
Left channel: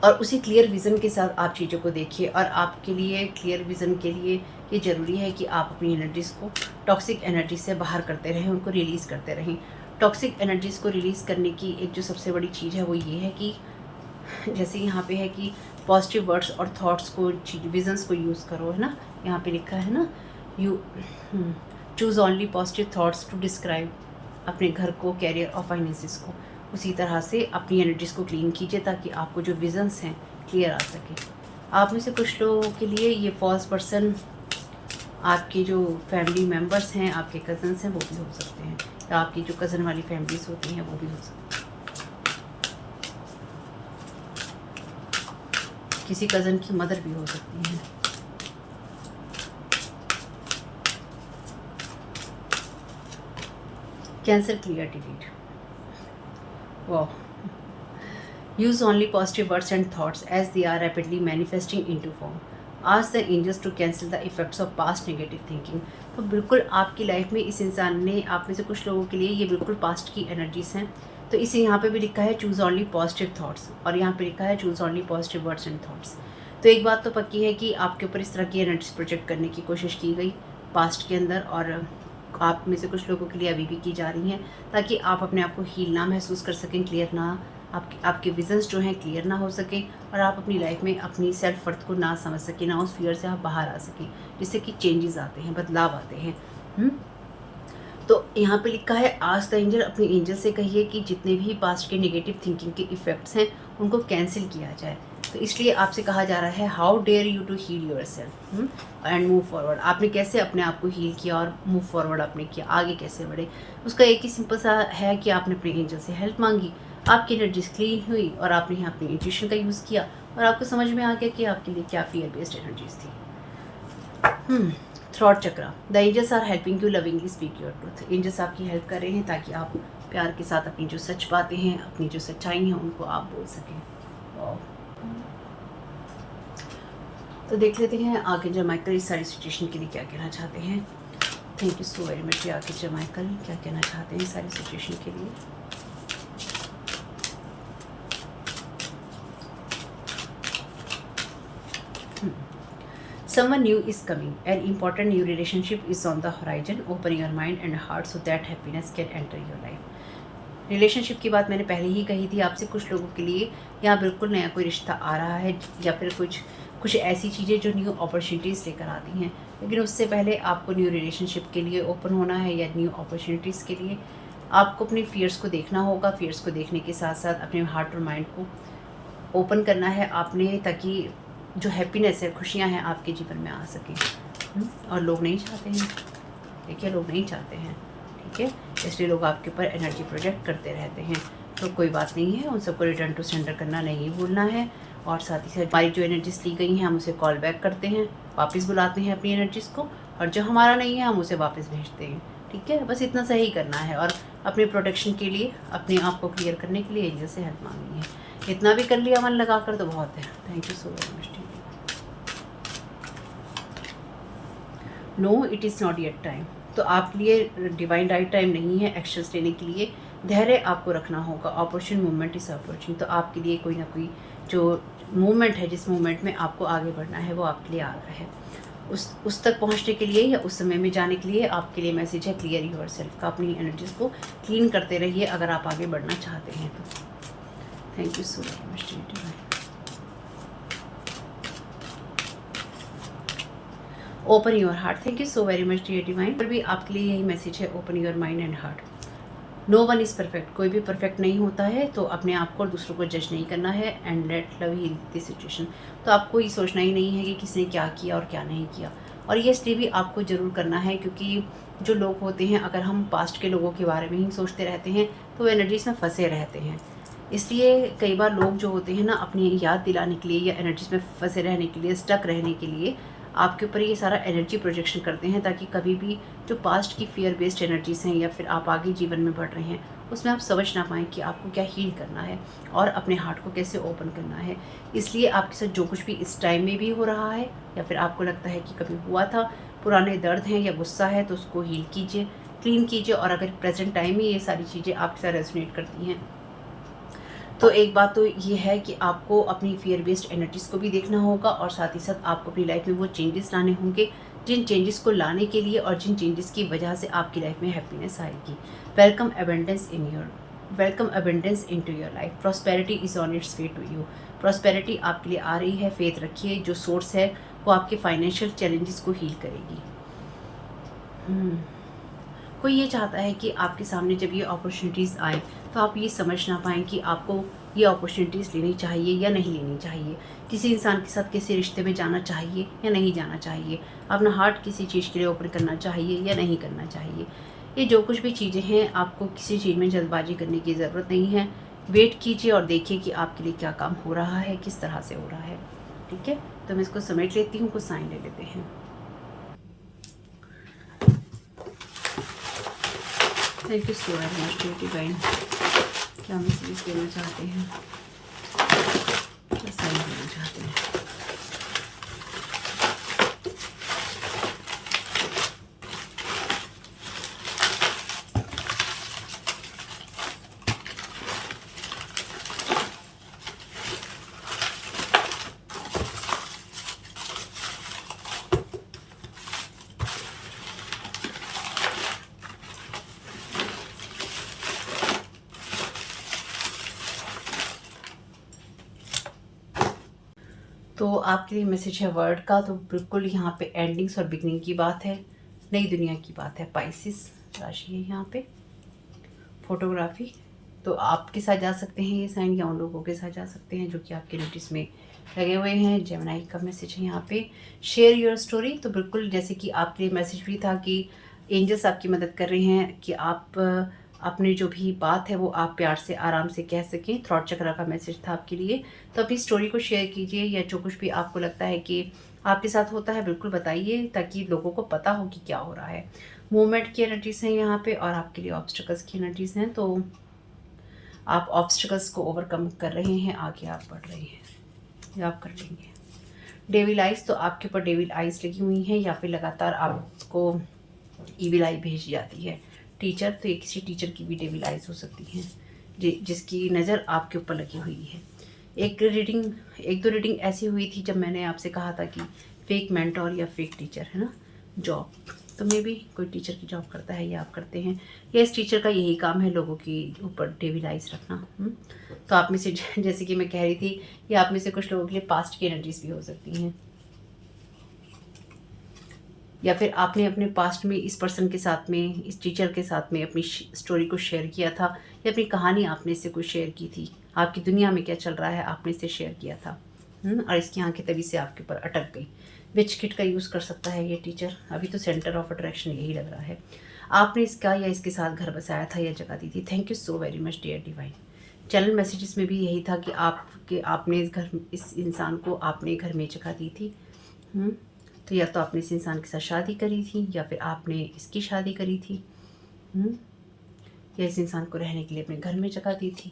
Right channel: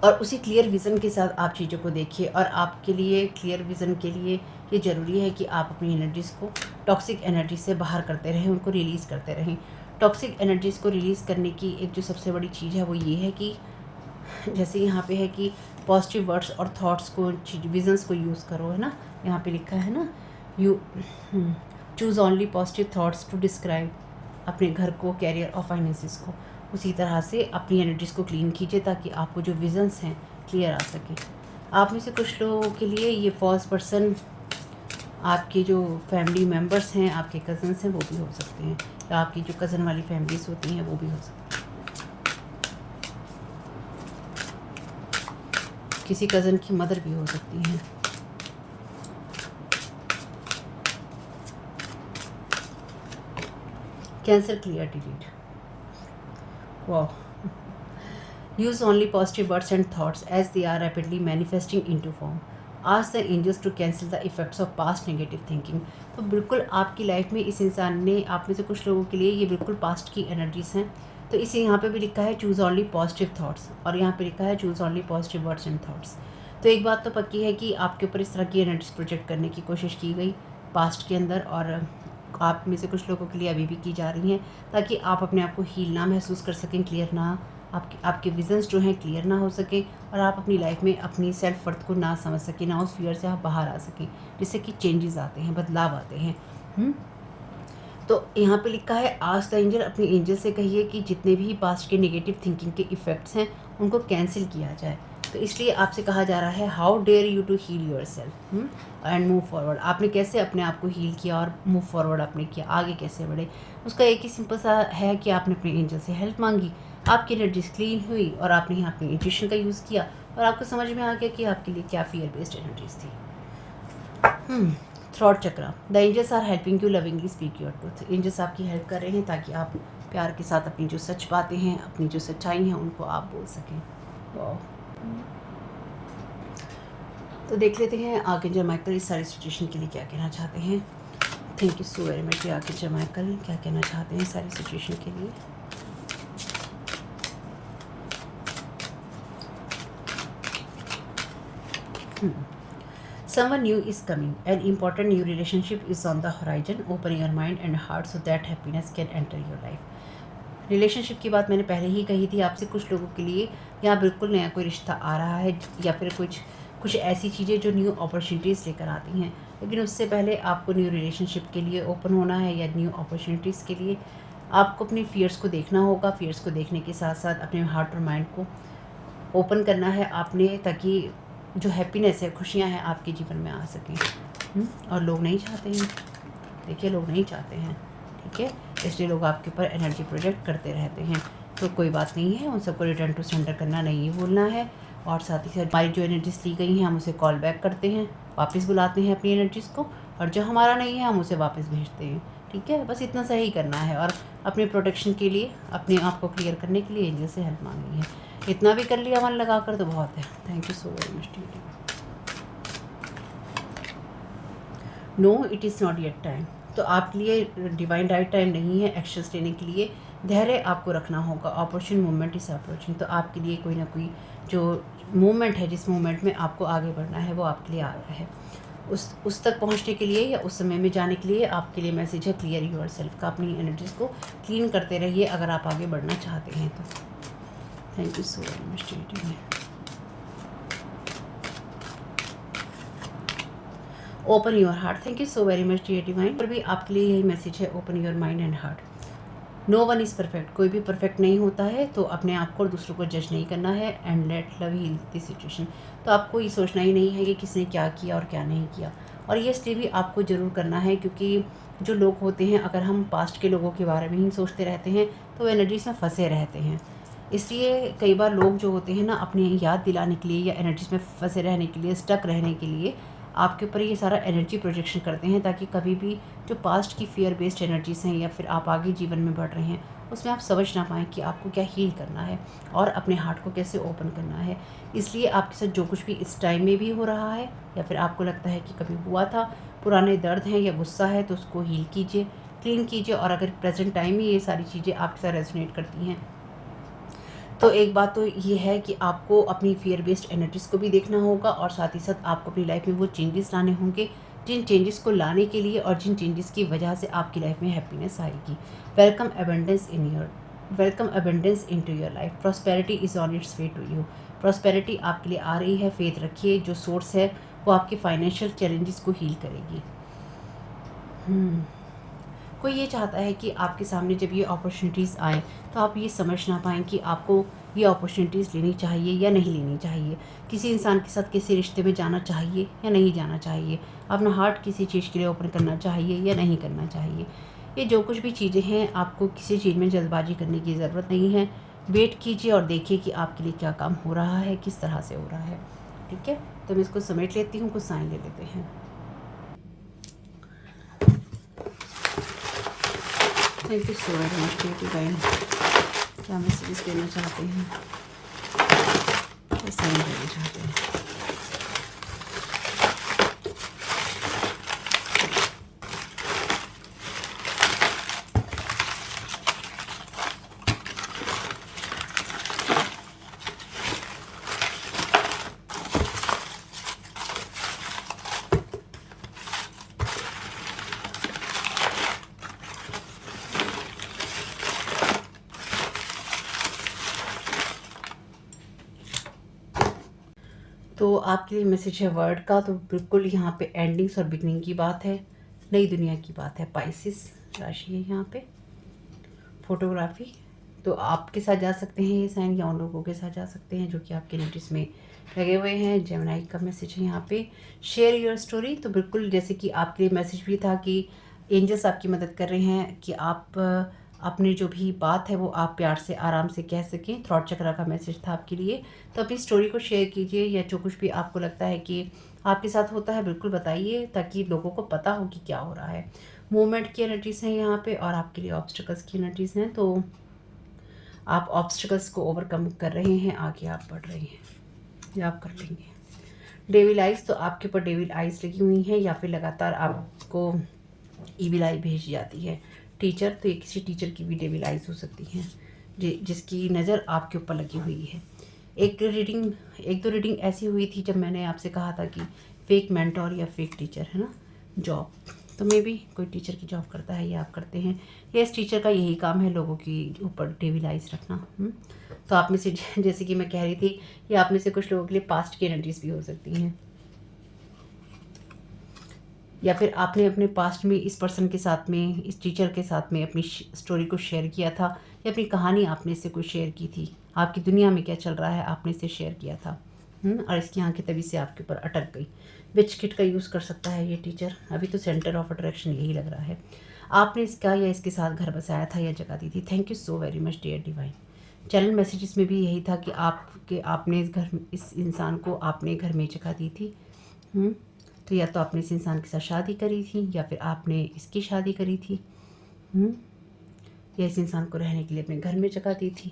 और उसी क्लियर विज़न के साथ आप चीज़ों को देखिए। और आपके लिए क्लियर विज़न के लिए ये ज़रूरी है कि आप अपनी एनर्जीज़ को टॉक्सिक एनर्जी से बाहर करते रहें, उनको रिलीज़ करते रहें। टॉक्सिक एनर्जीज़ को रिलीज़ करने की एक जो सबसे बड़ी चीज़ है वो ये है कि जैसे यहाँ पे है कि पॉजिटिव वर्ड्स और थॉट्स को, विजन्स को यूज़ करो, है ना। यहाँ पे लिखा है ना, you choose only positive thoughts to describe अपने घर को, कैरियर और फाइनेंसिस को। उसी तरह से अपनी एनर्जीज़ को क्लीन कीजिए ताकि आपको जो विजन्स हैं क्लियर आ सके। आप में से कुछ लोगों के लिए ये फॉल्स पर्सन आपके जो फैमिली मेम्बर्स हैं, आपके कज़न्स हैं, वो भी हो सकते हैं, या आपकी जो कज़न वाली फैमिलीज होती हैं वो भी हो सकती हैं। किसी कज़न की मदर भी हो सकती हैं। Cancer clear delete. वाह। Use only positive words and thoughts as they are rapidly manifesting into form. Ask the angels to cancel the effects of past negative thinking. तो बिल्कुल आपकी लाइफ में इस इंसान ने, आप में से कुछ लोगों के लिए ये बिल्कुल पास्ट की एनर्जीज हैं। तो इसे यहाँ पे भी लिखा है चूज़ ओनली पॉजिटिव थॉट्स, और यहाँ पे लिखा है choose only positive words and thoughts. तो एक बात तो पक्की है कि आपके ऊपर इस तरह की एनर्जीज प्रोजेक्ट करने की कोशिश की गई पास्ट के अंदर, और आप में से कुछ लोगों के लिए अभी भी की जा रही हैं, ताकि आप अपने आप को हील ना महसूस कर सकें, क्लियर ना, आपके विजन्स जो हैं क्लियर ना हो सके, और आप अपनी लाइफ में अपनी सेल्फ वर्थ को ना समझ सकें, ना उस फियर से आप बाहर आ सकें, जिससे कि चेंजेस आते हैं, बदलाव आते हैं। तो यहाँ पे लिखा है आज द एंजल, अपने एंजल से कहिए कि जितने भी पास्ट के नेगेटिव थिंकिंग के इफ़ेक्ट्स हैं उनको कैंसिल किया जाए। तो इसलिए आपसे कहा जा रहा है how dare you to heal your self and move forward. आपने कैसे अपने आप को हील किया और मूव फॉरवर्ड आपने किया, आगे कैसे बढ़े। उसका एक ही सिंपल सा है कि आपने अपने एंजल से हेल्प मांगी, आपकी एनर्जीज क्लीन हुई, और आपने यहाँ अपनी इंट्यूशन का यूज़ किया, और आपको समझ में आ गया कि आपके लिए क्या फियर बेस्ड एनर्जीज थी। Throat chakra. The angels are helping you lovingly speak your truth. Angels आपकी हेल्प कर रहे हैं ताकि आप प्यार के साथ अपनी जो सच बातें हैं, अपनी जो सच्चाई हैं, उनको आप बोल सकें। तो देख लेते हैं आर्कएंजल माइकल इस सारी सिचुएशन के लिए क्या कहना चाहते हैं। Thank you so very much archangel Michael, क्या कहना चाहते हैं इस सारी सिचुएशन के लिए। Someone new is coming. An important new relationship is on the horizon. Open your mind and heart so that happiness can enter your life. Relationship की बात मैंने पहले ही कही थी आपसे। कुछ लोगों के लिए यहाँ बिल्कुल नया कोई रिश्ता आ रहा है, या फिर कुछ ऐसी चीज़ें जो न्यू अपॉर्चुनिटीज़ लेकर आती हैं। लेकिन उससे पहले आपको न्यू रिलेशनशिप के लिए ओपन होना है, या न्यू अपॉर्चुनिटीज़ के लिए आपको अपने फियर्स को देखना होगा। फियर्स को देखने के साथ साथ अपने हार्ट और माइंड को ओपन करना है आपने, ताकि जो हैप्पीनेस है, खुशियाँ हैं, आपके जीवन में आ सकें। और लोग नहीं चाहते हैं, देखिए लोग नहीं चाहते हैं, ठीक है, इसलिए लोग आपके ऊपर एनर्जी प्रोजेक्ट करते रहते हैं। तो कोई बात नहीं है, उन सबको रिटर्न टू सेंडर करना नहीं भूलना है। और साथ ही साथ हमारी जो एनर्जीज ली गई हैं हम उसे कॉल बैक करते हैं, वापस बुलाते हैं अपनी एनर्जीज़ को, और जो हमारा नहीं है हम उसे वापस भेजते हैं, ठीक है। बस इतना सही करना है, और अपने प्रोटेक्शन के लिए, अपने आप को क्लियर करने के लिए एंजल से हेल्प मांगनी है। इतना भी कर लिया मन लगा कर तो बहुत है। Thank you so very much. No it is not yet time. तो आपके लिए डिवाइन राइट टाइम नहीं है एक्शंस लेने के लिए। धैर्य आपको रखना होगा। Operation movement is operation. तो आपके लिए कोई ना कोई जो मूवमेंट है, जिस मूवमेंट में आपको आगे बढ़ना है, वो आपके लिए आ रहा है। उस तक पहुंचने के लिए या उस समय में जाने के लिए आपके लिए मैसेज है क्लियर योर सेल्फ का। अपनी एनर्जीज को क्लीन करते रहिए अगर आप आगे बढ़ना चाहते हैं तो। Thank you so very much. Open your heart. Thank you so very much dear divine. पर भी आपके लिए यही मैसेज है, open your mind and heart. No one is perfect. कोई भी परफेक्ट नहीं होता है, तो अपने आप को और दूसरों को जज नहीं करना है। And let love heal this situation. तो आपको ये सोचना ही नहीं है कि किसने क्या किया और क्या नहीं किया। और ये इसलिए भी आपको ज़रूर करना है क्योंकि जो लोग होते हैं, अगर हम पास्ट के लोगों के बारे में ही सोचते रहते हैं तो एनर्जीज में फंसे रहते हैं। इसलिए कई बार लोग जो होते हैं ना, अपनी याद दिलाने के लिए या एनर्जीज में फंसे रहने के लिए, स्टक रहने के लिए आपके ऊपर ये सारा एनर्जी प्रोजेक्शन करते हैं, ताकि कभी भी जो पास्ट की फियर बेस्ड एनर्जीज हैं या फिर आप आगे जीवन में बढ़ रहे हैं उसमें आप समझ ना पाएँ कि आपको क्या हील करना है और अपने हार्ट को कैसे ओपन करना है। इसलिए आपके साथ जो कुछ भी इस टाइम में भी हो रहा है, या फिर आपको लगता है कि कभी हुआ था, पुराने दर्द हैं या गुस्सा है, तो उसको हील कीजिए, क्लीन कीजिए। और अगर प्रेजेंट टाइम में ये सारी चीज़ें आपके साथ रेजोनेट करती हैं, तो एक बात तो ये है कि आपको अपनी फियर बेस्ड एनर्जीज़ को भी देखना होगा, और साथ ही साथ आपको अपनी लाइफ में वो चेंजेस लाने होंगे जिन चेंजेस को लाने के लिए और जिन चेंजेस की वजह से आपकी लाइफ में हैप्पीनेस आएगी। Welcome abundance into your life. Prosperity is on its way to you. Prosperity आपके लिए आ रही है। फेथ रखिए, जो सोर्स है वो आपके फाइनेंशियल चैलेंजेस को हील करेगी। कोई ये चाहता है कि आपके सामने जब ये अपॉर्चुनिटीज़ आए तो आप ये समझ ना पाएँ कि आपको ये अपॉर्चुनिटीज़ लेनी चाहिए या नहीं लेनी चाहिए। किसी इंसान के साथ किसी रिश्ते में जाना चाहिए या नहीं जाना चाहिए। अपना हार्ट किसी चीज़ के लिए ओपन करना चाहिए या नहीं करना चाहिए। ये जो कुछ भी चीज़ें हैं, आपको किसी चीज़ में जल्दबाजी करने की ज़रूरत नहीं है। वेट कीजिए और देखिए कि आपके लिए क्या काम हो रहा है, किस तरह से हो रहा है। ठीक है, तो मैं इसको समेट लेती हूँ, कुछ साइन ले लेते हैं। Thank you so very much divine. क्या मैसेजेस देना चाहते हैं, क्या साइन देना चाहते हैं। तो आपके लिए मैसेज है वर्ड का, तो बिल्कुल यहाँ पे एंडिंग्स और बिगनिंग की बात है, नई दुनिया की बात है। पाइसिस राशि है यहाँ पे। फोटोग्राफी, तो आपके साथ जा सकते हैं ये साइन, या उन लोगों के साथ जा सकते हैं जो कि आपके नोटिस में लगे हुए हैं। जेमिनी का मैसेज है यहाँ पे, शेयर योर स्टोरी। तो बिल्कुल जैसे कि आपके लिए मैसेज भी था कि एंजल्स आपकी मदद कर रहे हैं कि आप अपनी जो भी बात है वो आप प्यार से आराम से कह सकें। थ्रॉट चक्र का मैसेज था आपके लिए। तो अपनी स्टोरी को शेयर कीजिए, या जो कुछ भी आपको लगता है कि आपके साथ होता है बिल्कुल बताइए, ताकि लोगों को पता हो कि क्या हो रहा है। मूवमेंट की एनर्जीज हैं यहाँ पे, और आपके लिए ऑब्स्टिकल्स की एनर्जीज हैं। तो आप ऑब्स्टिकल्स को ओवरकम कर रहे हैं, आगे आप बढ़ रहे हैं, या आप कर लेंगे। डेविल आइज, तो आपके ऊपर डेविल आइज लगी हुई हैं, या फिर लगातार आपको ईविल आई भेजी जाती है। टीचर, तो ये किसी टीचर की भी डेविल आइज हो सकती हैं जिसकी नज़र आपके ऊपर लगी हुई है। एक दो रीडिंग ऐसी हुई थी जब मैंने आपसे कहा था कि फेक मेंटोर या फेक टीचर है ना, जॉब। तो मे भी कोई टीचर की जॉब करता है, या आप करते हैं, या इस टीचर का यही काम है लोगों की ऊपर डेविल आइज रखना। तो आप में से जैसे कि मैं कह रही थी, ये आप में से कुछ लोगों के लिए पास्ट की एनर्जीज भी हो सकती हैं, या फिर आपने अपने पास्ट में इस पर्सन के साथ में, इस टीचर के साथ में अपनी स्टोरी को शेयर किया था, या अपनी कहानी आपने इससे कुछ शेयर की थी। आपकी दुनिया में क्या चल रहा है आपने इससे शेयर किया था, और इसकी आंखें तभी से आपके ऊपर अटक गई। विच किट का यूज़ कर सकता है ये टीचर। अभी तो सेंटर ऑफ अट्रैक्शन यही लग रहा है। आपने इसका या इसके साथ घर बसाया था या जगह दी थी। Thank you so very much dear divine. Channel messages में भी यही था कि आपने इस इंसान को आपने घर में जगह दी थी। तो या तो आपने इस इंसान के साथ शादी करी थी, या फिर आपने इसकी शादी करी थी, या इस इंसान को रहने के लिए अपने घर में जगह दी थी।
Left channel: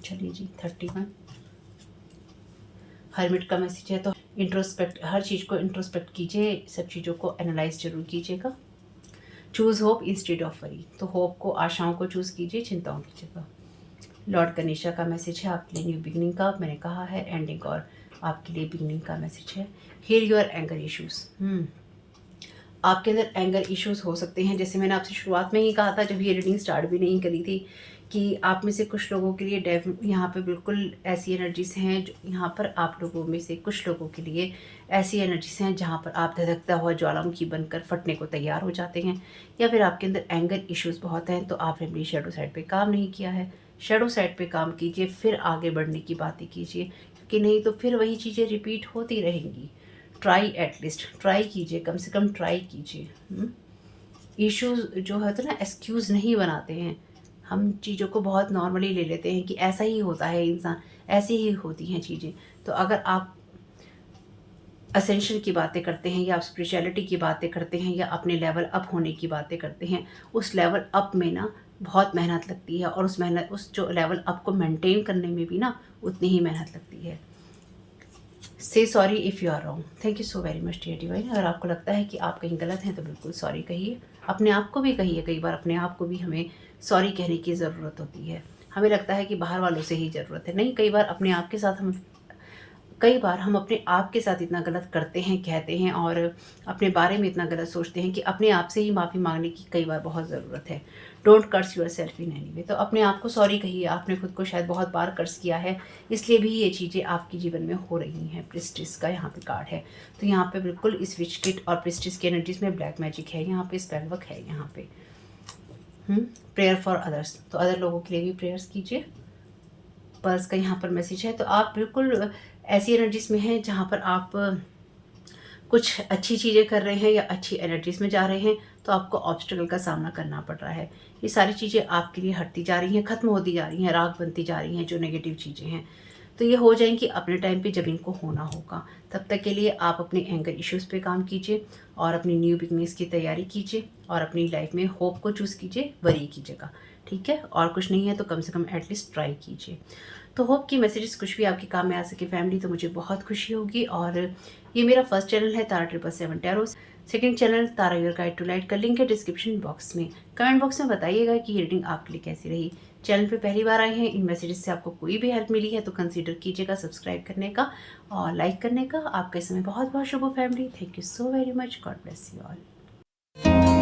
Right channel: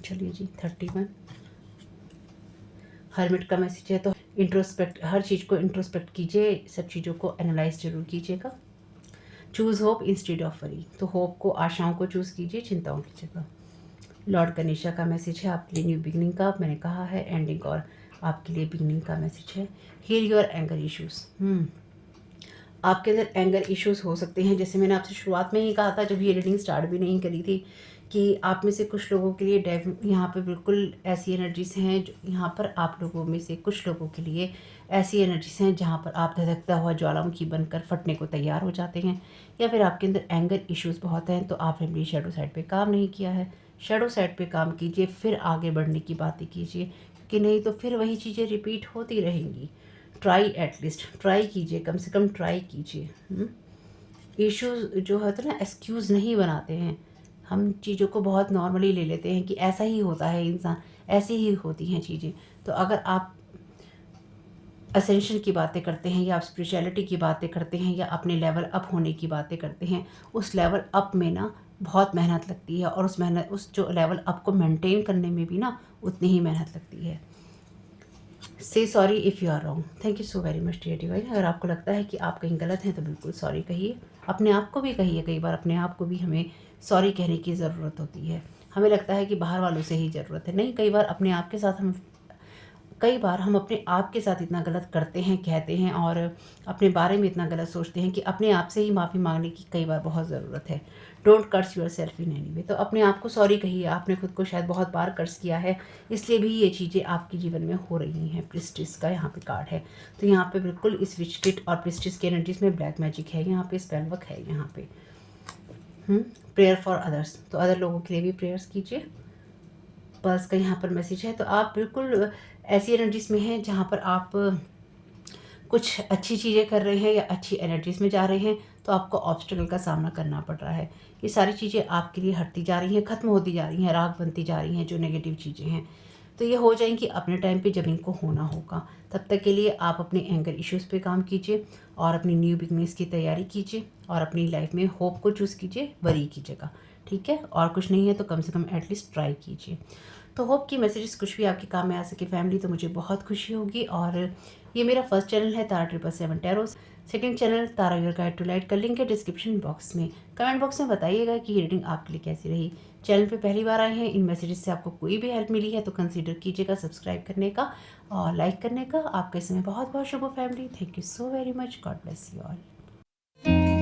चलिए जी, 31 हर्मिट का मैसेज है। तो इंट्रोस्पेक्ट, हर चीज़ को इंट्रोस्पेक्ट कीजिए, सब चीज़ों को एनालाइज जरूर कीजिएगा। Choose hope instead of worry, तो होप को, आशाओं को चूज़ कीजिए चिंताओं की जगह। लॉर्ड गणेशा का मैसेज है आपके लिए न्यू बिगनिंग का, मैंने कहा है एंडिंग, और आपके लिए बिगनिंग का मैसेज है। Heal your anger issues. आपके अंदर एंगर इश्यूज हो सकते हैं, जैसे मैंने आपसे शुरुआत में ही कहा था जब ये रीडिंग स्टार्ट भी नहीं करी थी, कि आप में से कुछ लोगों के लिए यहाँ पे बिल्कुल ऐसी एनर्जीज हैं, यहाँ पर आप लोगों में से कुछ लोगों के लिए ऐसी एनर्जीज हैं जहाँ पर आप धधकता हुआ ज्वालामुखी बनकर फटने को तैयार हो जाते हैं, या फिर आपके अंदर एंगर इश्यूज बहुत हैं। तो आपने अपनी शेडो साइड पे काम नहीं किया है। शेडो साइड पे काम कीजिए, फिर आगे बढ़ने की बातें कीजिए, क्योंकि नहीं तो फिर वही चीज़ें रिपीट होती रहेंगी। ट्राई, एटलीस्ट ट्राई कीजिए, कम से कम ट्राई कीजिए। इश्यूज जो होते हैं ना, एक्सक्यूज़ नहीं बनाते हैं। हम चीज़ों को बहुत नॉर्मली ले लेते हैं कि ऐसा ही होता है इंसान, ऐसी ही होती हैं चीज़ें। तो अगर आप असेंशन की बातें करते हैं, या आप स्पिरिचुअलिटी की बातें करते हैं, या अपने लेवल अप होने की बातें करते हैं, उस लेवल अप में ना बहुत मेहनत लगती है, और उस जो लेवल अप को मेंटेन करने में भी ना उतनी ही मेहनत लगती है। Say sorry if you are wrong. Thank you so very much dear divine. अगर आपको लगता है कि आप कहीं गलत हैं तो बिल्कुल सॉरी कहिए, अपने आप को भी कहिए। कई बार अपने आप को भी हमें सॉरी कहने की ज़रूरत होती है। हमें लगता है कि बाहर वालों से ही ज़रूरत है, नहीं, कई बार अपने आप के साथ हम अपने आप के साथ इतना गलत करते हैं, कहते हैं, और अपने बारे में इतना गलत सोचते हैं कि अपने आप से ही माफ़ी मांगने की कई बार बहुत ज़रूरत है। Don't curse your self in any way. तो अपने आप को सॉरी कहिए। आपने खुद को शायद बहुत बार कर्स किया है, इसलिए भी ये चीज़ें आपके जीवन में हो रही हैं। प्रिस्टिस का यहाँ पे कार्ड है, तो यहाँ पे बिल्कुल इस विच किट और प्रिस्टिस की एनर्जीज में ब्लैक मैजिक है, यहाँ पे स्पेल वर्क है, यहाँ पे प्रेयर फॉर अदर्स, तो अदर लोगों के लिए भी प्रेयर्स कीजिए। पर्स का यहाँ पर मैसेज है। तो आप बिल्कुल ऐसी एनर्जीज में हैं जहाँ पर आप कुछ अच्छी चीज़ें कर रहे हैं, या अच्छी एनर्जीज में जा रहे हैं, तो आपको ऑब्स्टिकल का सामना करना पड़ रहा है। ये सारी चीज़ें आपके लिए हटती जा रही हैं, ख़त्म होती जा रही हैं, राख बनती जा रही हैं जो नेगेटिव चीज़ें हैं। तो ये हो जाएंगी अपने टाइम पे जब इनको होना होगा। तब तक के लिए आप अपने एंगर इश्यूज़ पे काम कीजिए और अपनी न्यू बिगनिंग्स की तैयारी कीजिए और अपनी लाइफ में होप को चूज़ कीजिए वरी की जगह, ठीक है? और कुछ नहीं है तो कम से कम एटलीस्ट ट्राई कीजिए। तो होप कि मैसेजेस कुछ भी आपके काम में आ सके फैमिली, तो मुझे बहुत खुशी होगी। और ये मेरा फर्स्ट चैनल है Tara 777 tarot. Second channel Tara your guide to light का लिंक है डिस्क्रिप्शन बॉक्स में। कमेंट बॉक्स में बताइएगा कि ये रीडिंग आपके लिए कैसी रही। चैनल पे पहली बार आए हैं, इन मैसेजेस से आपको कोई भी हेल्प मिली है तो कंसीडर कीजिएगा सब्सक्राइब करने का और लाइक करने का। आपका इस समय बहुत बहुत शुभ हो family. Thank you so very much. God bless you all.